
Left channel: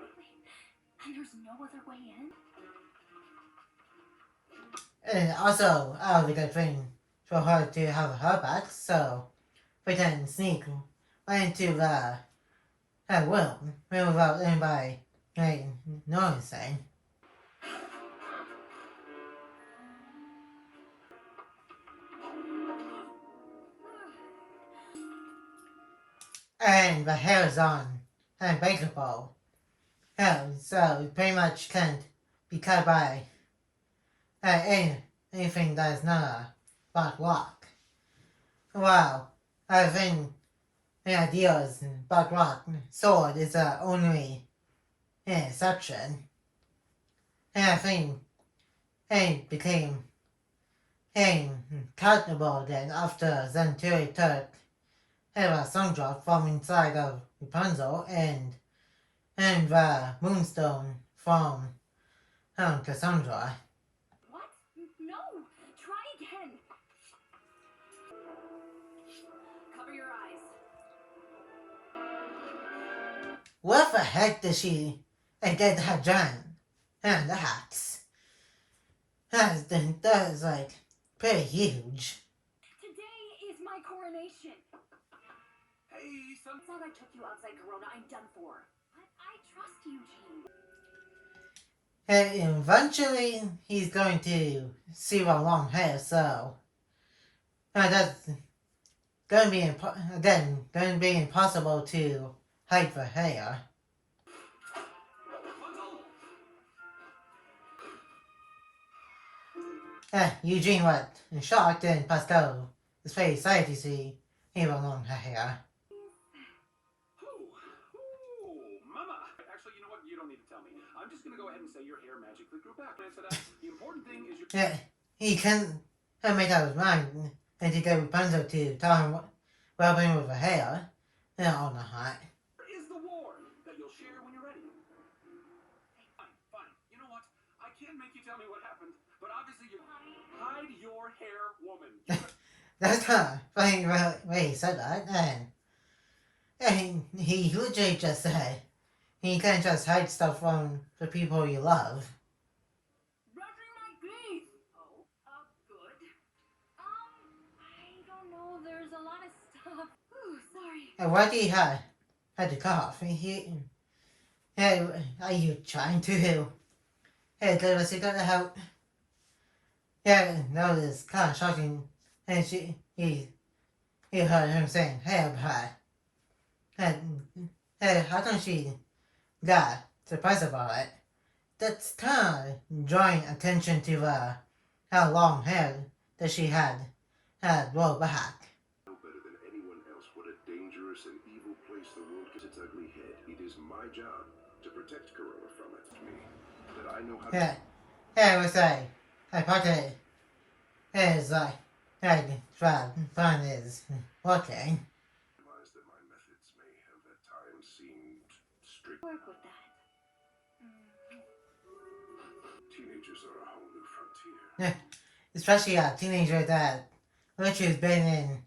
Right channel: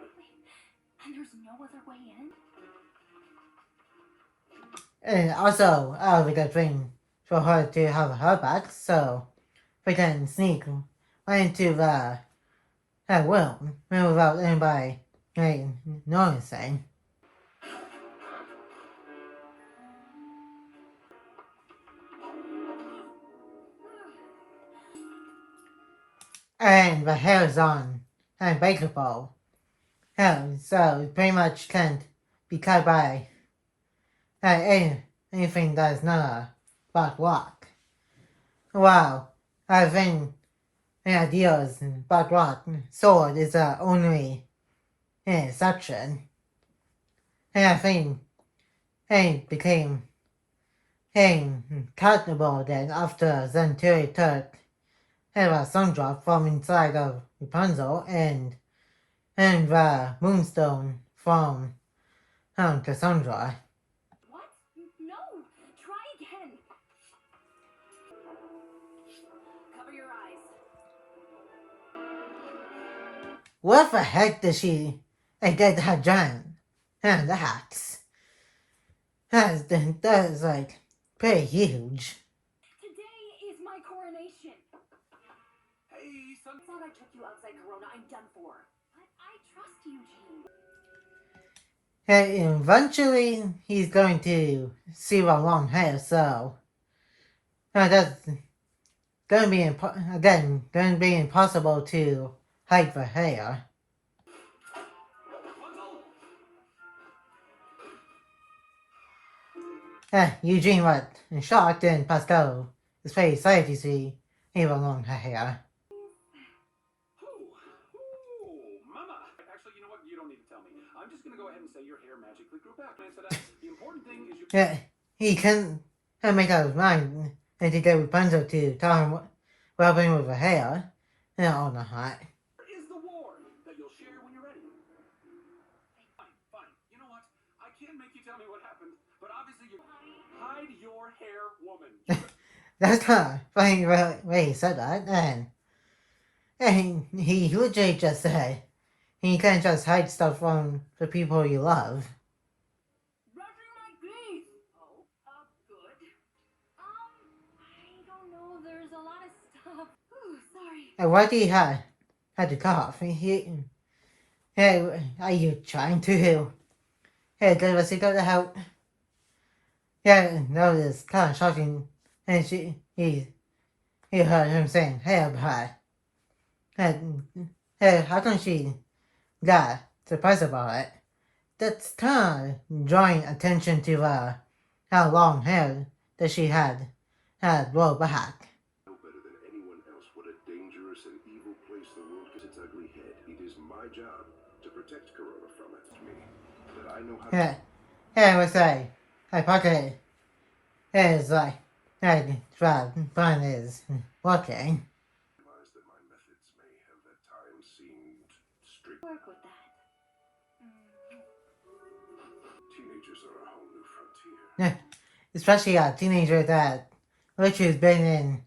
And there's no other way in? And also, we got thing for her to have her back, so we can sneak right into the room without anybody noticing. And the hair is on unbreakable. So it pretty much can't be cut by anything that is not a black rock. Wow, I think the idea is black rock sword is the only exception. And I think it became cutable then after Centauri took a Sundrop from inside of Rapunzel and the moonstone from Cassandra. What? No! Try again! Cover your eyes. What the heck did she get that giant axe? That is like pretty huge. Today is my coronation. Hey, son. Thought I took you outside Corona. I'm done for. But I trust you, Jean. And eventually he's going to see her long hair, so that's going to be impossible to hide the hair. Eugene was shocked, and Pascal is very excited to see her long hair. Mama. Actually, you know what? You don't need to tell me. I'm just gonna go ahead and say your hair magically grew back. Answer that. The important thing is you. He couldn't make up his mind and to get Rapunzel to tell him what happened with her hair all night. Is the war that you'll share when you're ready. Fine. You know what? I can't make you tell me what happened, but obviously you hide your hair, woman. That's kind of funny way he said that, and he literally just said you can't just hide stuff from the people you love. Brushing my teeth! Oh, good. I don't know. There's a lot of stuff. Ooh, sorry. And why do you had to cough? Are you trying to give us a help? That was kind of shocking. And he heard him saying, "Hey, but how come she got surprised about it?" That's kind of drawing attention to how long hair that she had grown back. No better than anyone else what a dangerous and evil place the world gets its ugly head. It is my job to protect Corona from it. To me, that I know how to. It was like pocket is like fun is working. Realize that my methods may have at times seemed strict. Work with that. Teenagers are a whole new frontier. Especially a teenager that literally has been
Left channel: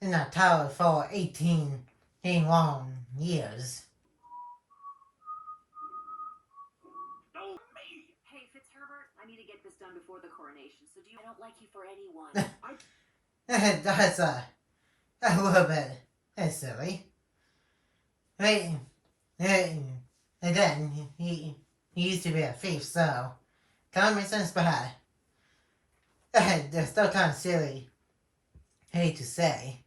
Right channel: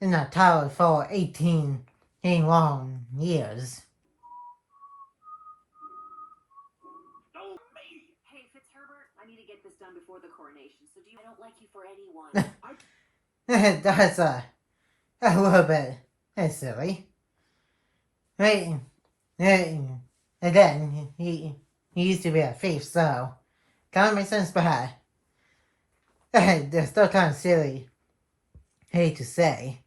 in a tower for 18 long years. Oh, me! this done before the coronation, so do you... I don't like you for anyone. That's a little bit silly. Wait, and then he used to be a thief, so kind of makes sense, but they're still kind of silly. Hate to say.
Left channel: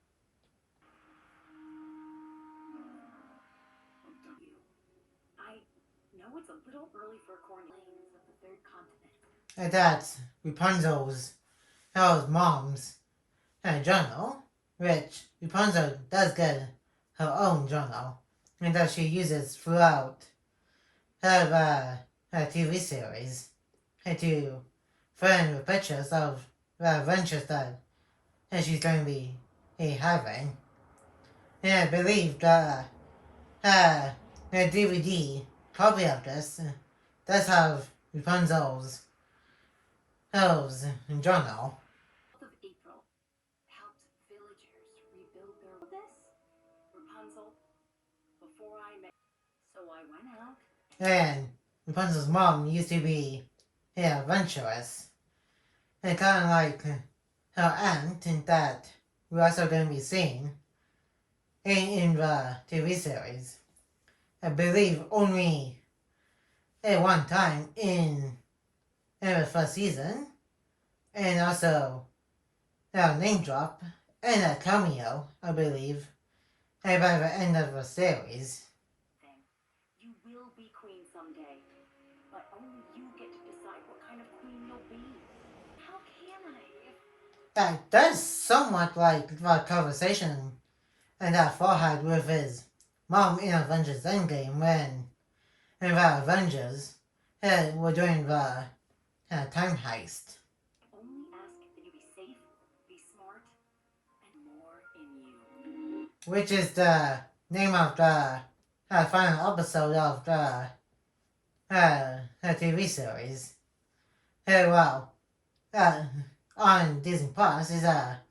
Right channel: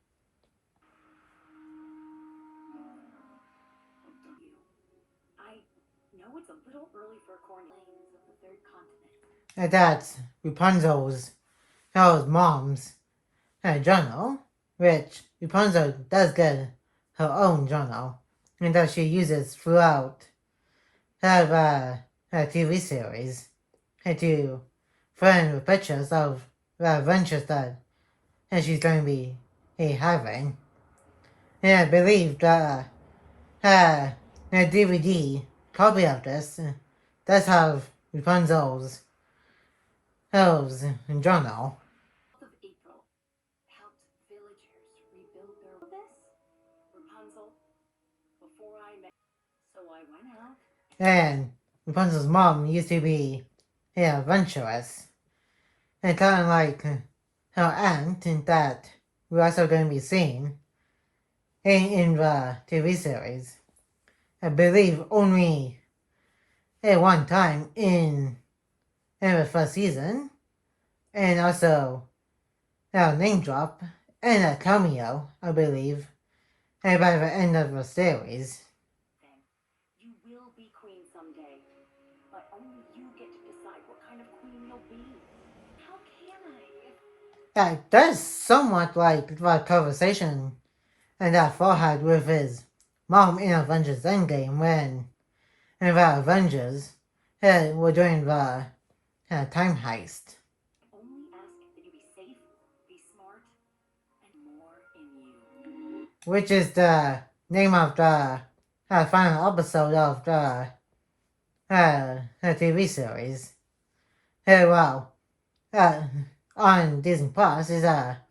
I know it's a little early for coronation of the third continent. And that's Rapunzel's, her mom's journal, which Rapunzel does get her own journal, and that she uses throughout her TV series to fill with pictures of the adventures that she's going to be having. And I believe that her DVD copy of this does have Rapunzel's journal. Of April helped villagers rebuild their... This Rapunzel before I met, so I went out. And Rapunzel's mom used to be adventurous, and kind of like her aunt, and that we're also going to be seeing in the TV series. I believe only one time in the first season, and also a name drop and a cameo, I believe, by the end of the series. You will be queen someday, but only you get to decide what kind of queen you'll be. How can I? That's somewhat like the conversation and that Thor had with his mom in Avengers Endgame when the Avengers were doing the time heist. Only ask that you be safe, be smart, and more in you. Which is the name of the final episode of the TV series. On Disney Plus is a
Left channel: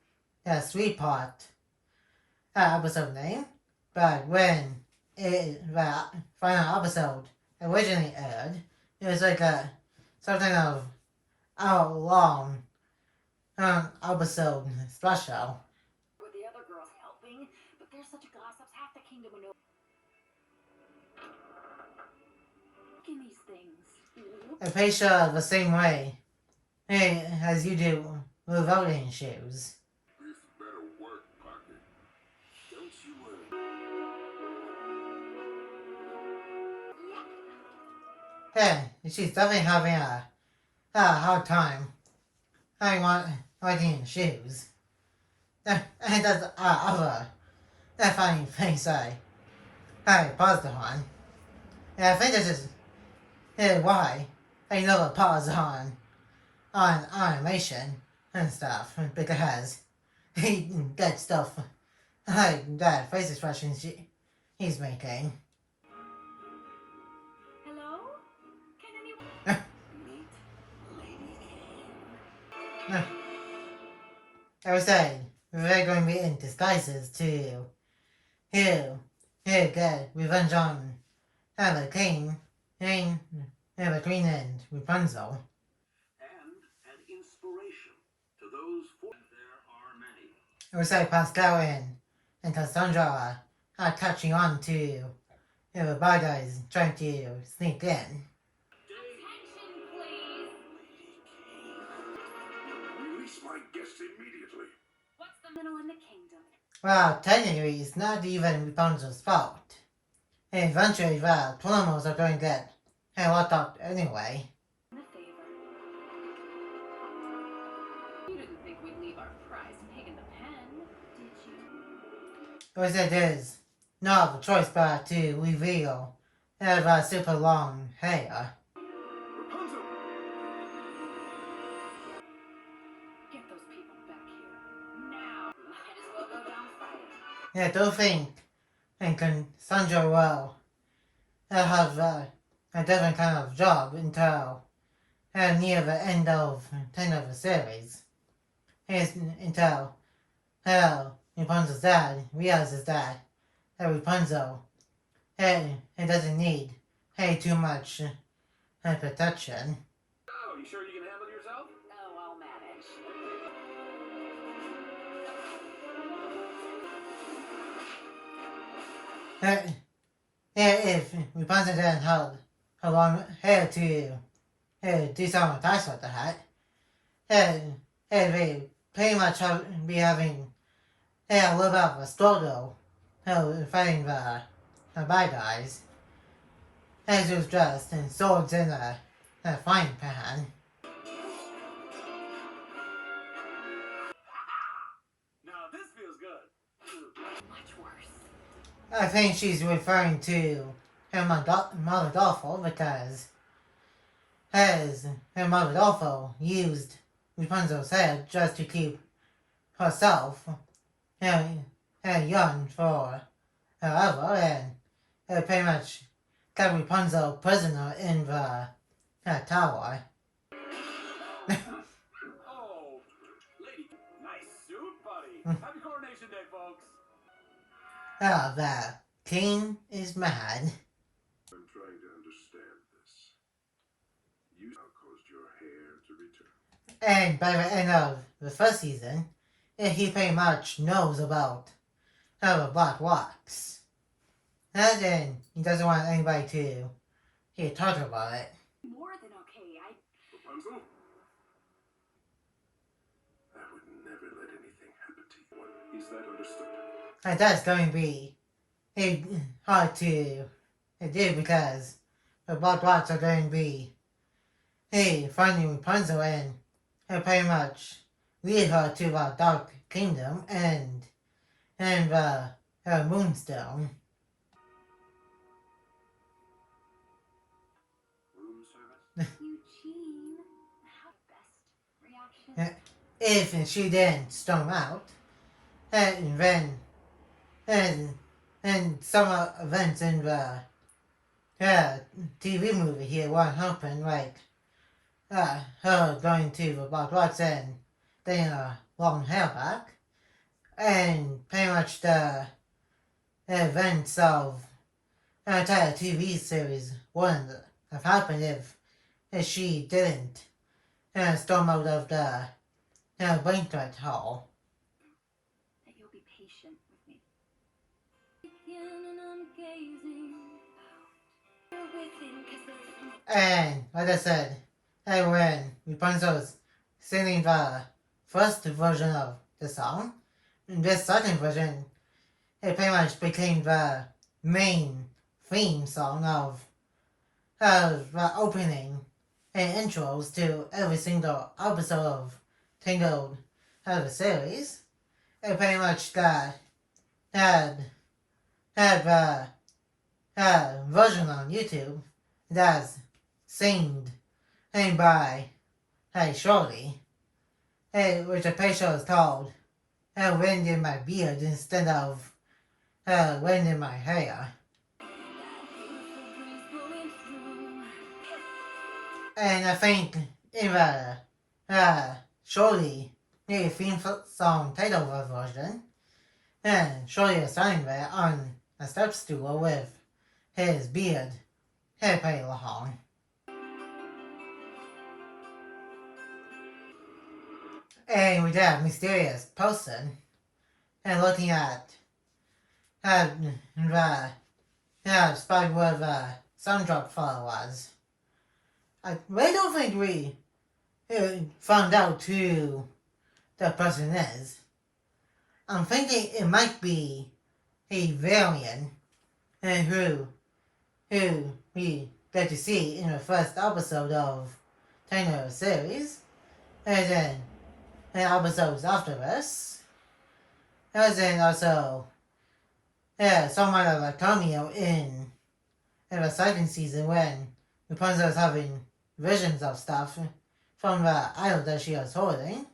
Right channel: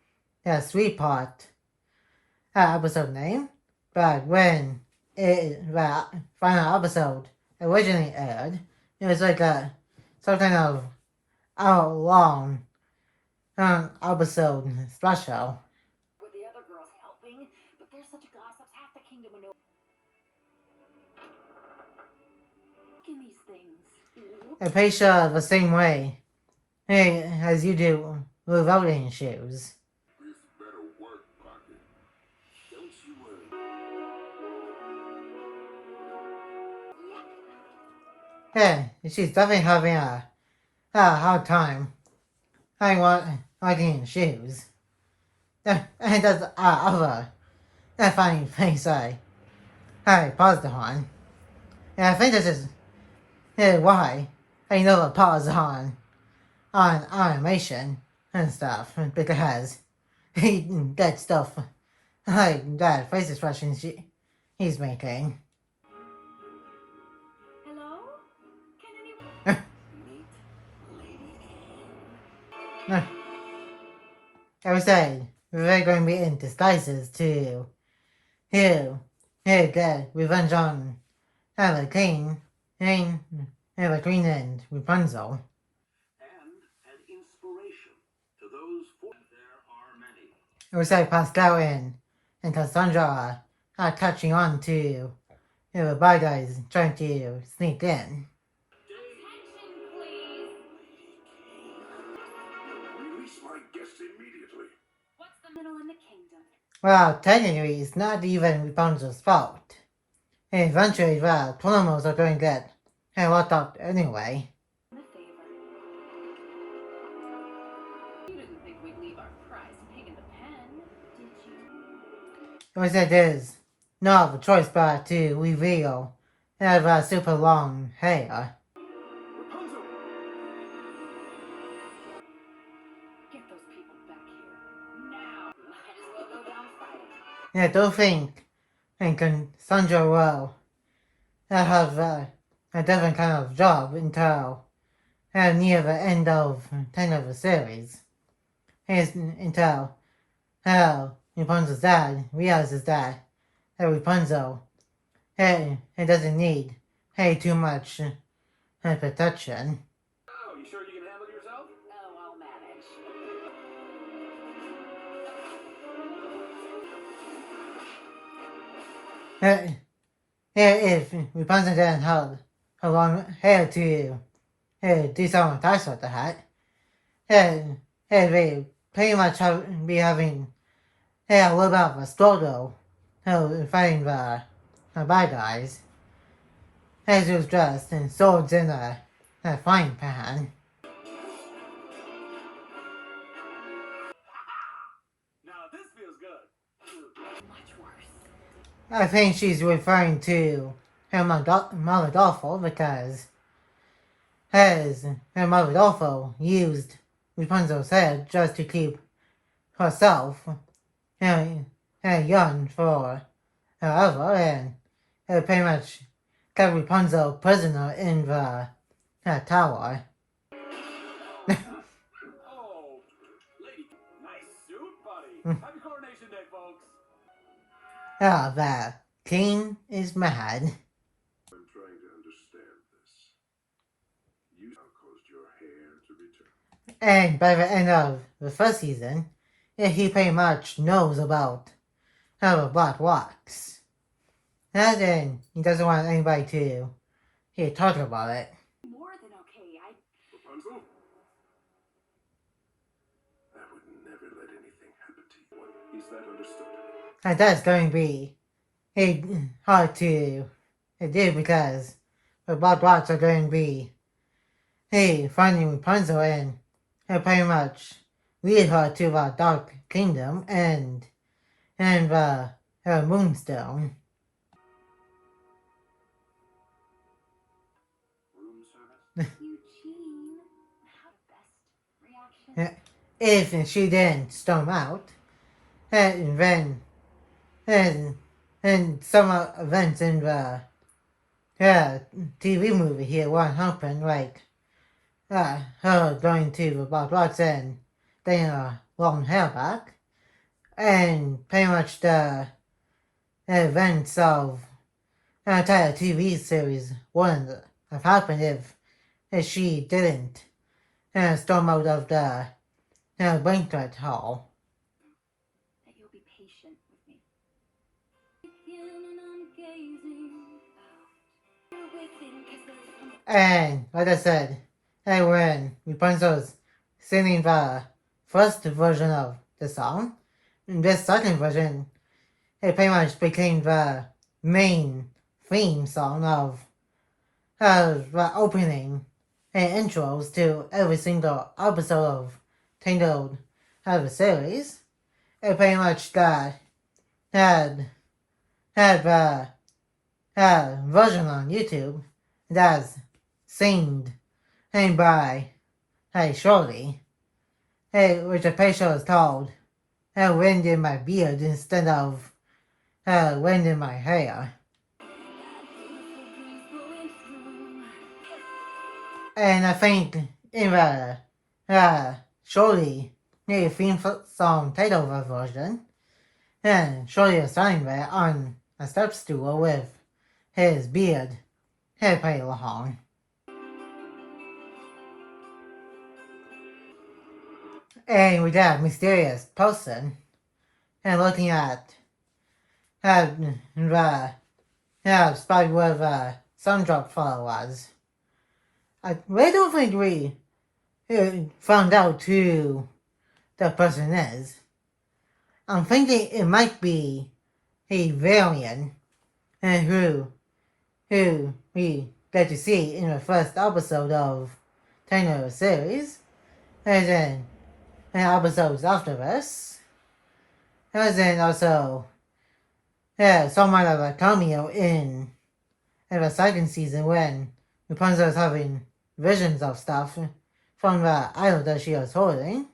3-part episode name, but when the final episode originally aired, it was like some kind of hour-long episode special. With the other girls helping, but there's such a gossip, half the kingdom would know. Look in these things. I picture the same way as you do with voting shoes. This better work, Pocket. Don't you worry. Yeah, she's definitely having a hard time liking shoes. And that's other funny things I paused on. And I think this is why I never pause on animation and stuff, because he gets stuff like that face expressions he's making. Hello? Can anyone... Meet Lady Kane. I was saying, we're going to be in disguises to get revenge on the King and Rapunzel. And an inspiration to those for... There are many. It was like Pascal and Cassandra are catching on to the bad guys trying to sneak in. Attention, please! Release my guests immediately. What's the middle in the kingdom? Well, technically, it's not even Rapunzel's fault. And eventually, the Tornamos are going to get locked up anyway. A favor. You didn't think we'd leave our prize pig in the pen, did you? It was that there's no other choice but to reveal the super long hair. Rapunzel! Get those people back here. Now! Might as well go down fighting. Yeah, I don't think Cassandra will have a different kind of job until near the end of 10 of the series. Until Rapunzel's dad realizes that Rapunzel it doesn't need too much protection. Oh, you sure you can handle yourself? yourself? Oh, I'll manage. If Rapunzel didn't have her long hair to do some attacks with the hat, and they pretty much be having a little bit of a struggle fighting the bad guys. As was dressed in swords in a frying pan. Now this feels good. Much worse. I think she's referring to her mother Dolphin because her mother Dolphin used Rapunzel's head just to keep herself young for forever, and it pretty much kept Rapunzel prisoner in the tower. Oh, lady, nice suit, buddy. Happy Coronation Day, folks. The king is mad. I'm trying to understand this. You now caused your hair to return. And by the end of the first season, he pretty much knows about the Black Rocks. And then he doesn't want anybody to talk about it. More than okay. Rapunzel? I would never let anything happen to you. Is that understood? And that's going to be hard to do because the Black Rocks are going to be finding Rapunzel and pretty much lead her to the Dark Kingdom and the Moonstone. Room service? Eugene, how best reaction? If she didn't storm out, and then and some events in the TV movie here won't happen, like her going to the Black Rocks and getting her long hair back, and pretty much the events of the entire TV series wouldn't have happened if she didn't storm out of the banquet hall. That you'll be patient with me. And I'm gazing out. You're within, 'cause there's some And like I said, when Rapunzel's singing the first version of the song, this second version, it pretty much became the main theme song of the opening and intros to every single episode of Tangled the series. It pretty much had a version on YouTube that's singed by Shorty, which the picture is called Wind in My Beard instead of Wind in My Hair. And I think in the Shorty theme song title version, and Shorty is standing there on a step stool with his beard pretty long. And with that mysterious person, and looking at the spot where the sun drop fall was, I really don't think we found out who the person is. I'm thinking it might be a variant who we get to see in the first episode of Tangled series, and then in episodes after this, and then also somewhat of a cameo in the second season when Rapunzel is having visions of stuff from the idol that she was holding,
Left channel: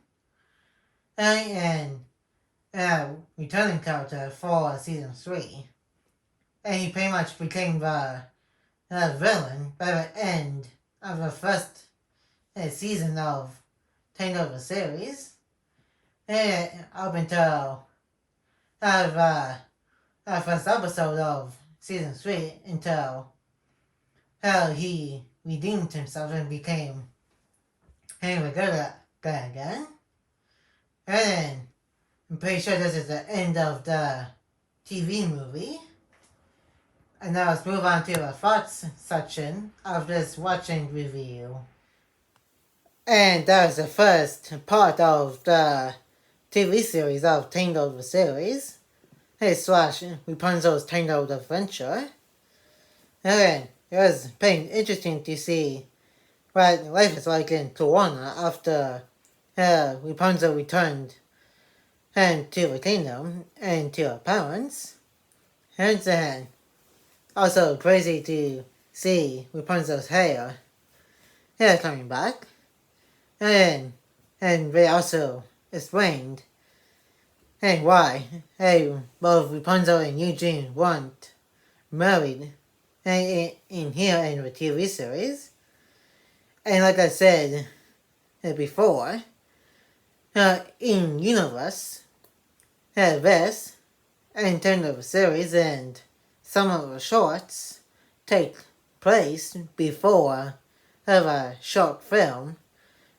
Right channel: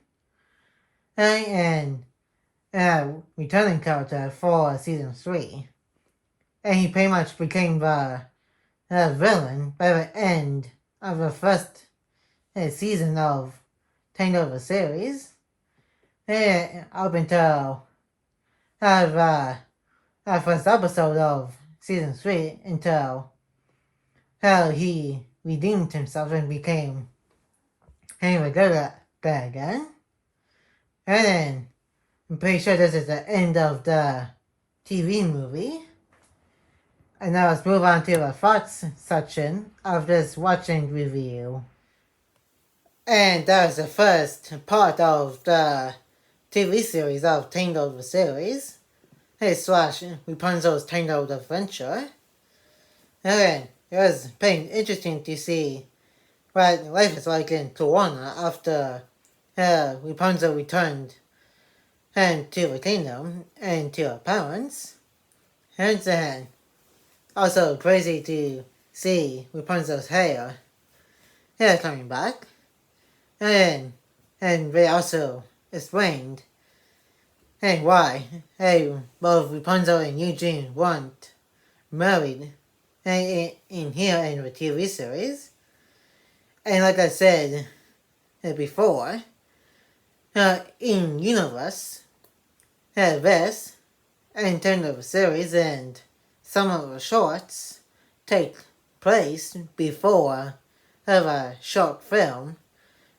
and returning character for season 3, and he pretty much became the villain by the end of the first season of Tangled the series, up until the first episode of season 3, until he redeemed himself and became Hey, we go that again. And then, I'm pretty sure this is the end of the TV movie. And now let's move on to the thoughts section of this watching review. And that was the first part of the TV series of Tangled the series. Hey, slash Rapunzel's Tangled Adventure. And it was pretty interesting to see what life is like in Tijuana after Rapunzel returned and to the kingdom and to her parents. And then also crazy to see Rapunzel's hair coming back. And they also explained why both Rapunzel and Eugene weren't married in here in the TV series. And like I said before, in universe, this and turn of the series and some of the shorts take place before a short film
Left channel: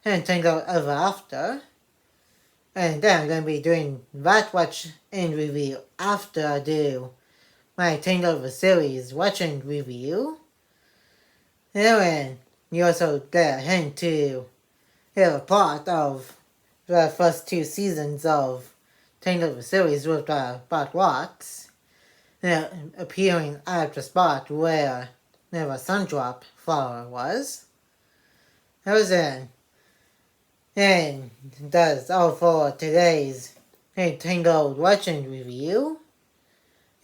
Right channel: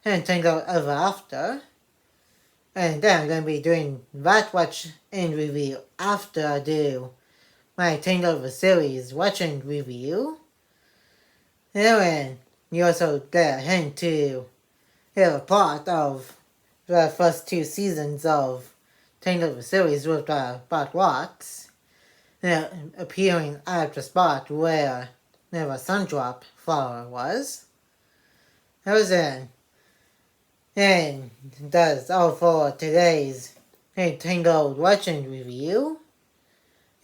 and Tangled Ever After. And then I'm going to be doing that watch and review after I do my Tangled the series watch and review. And you also get a hint to hear a plot of the first 2 seasons of Tangled the series with Bot Rocks appearing at the spot where the Sundrop flower was. That was it. And that's all for today's Tangled watching review.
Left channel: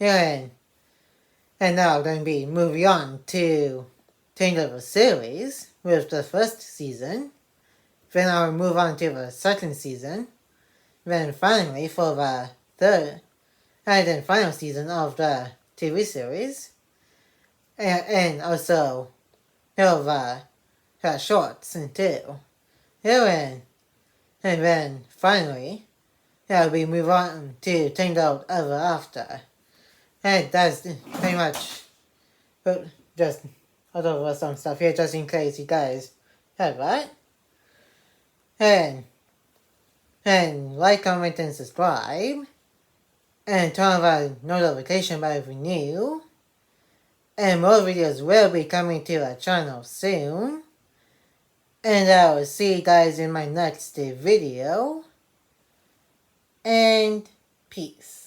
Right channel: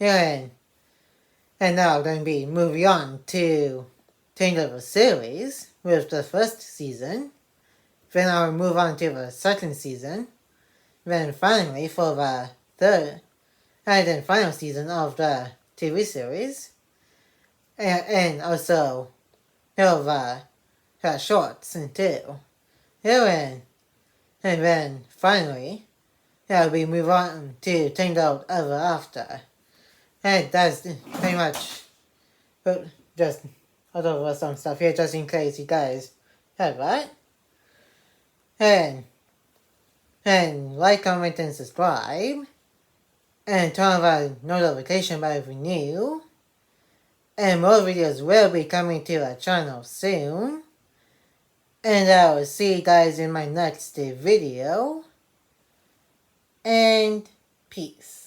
And now I'm going to be moving on to Tangled the series with the first season. Then I'll move on to the second season. Then finally for the third and then final season of the TV series. And also the shorts too. And then finally we move on to Tangled Ever After. And that's pretty much just other some stuff here just in case you guys have that. And like, comment, and subscribe. And turn on the notification bell if you're new. And more videos will be coming to our channel soon. And I will see you guys in my next video. And peace.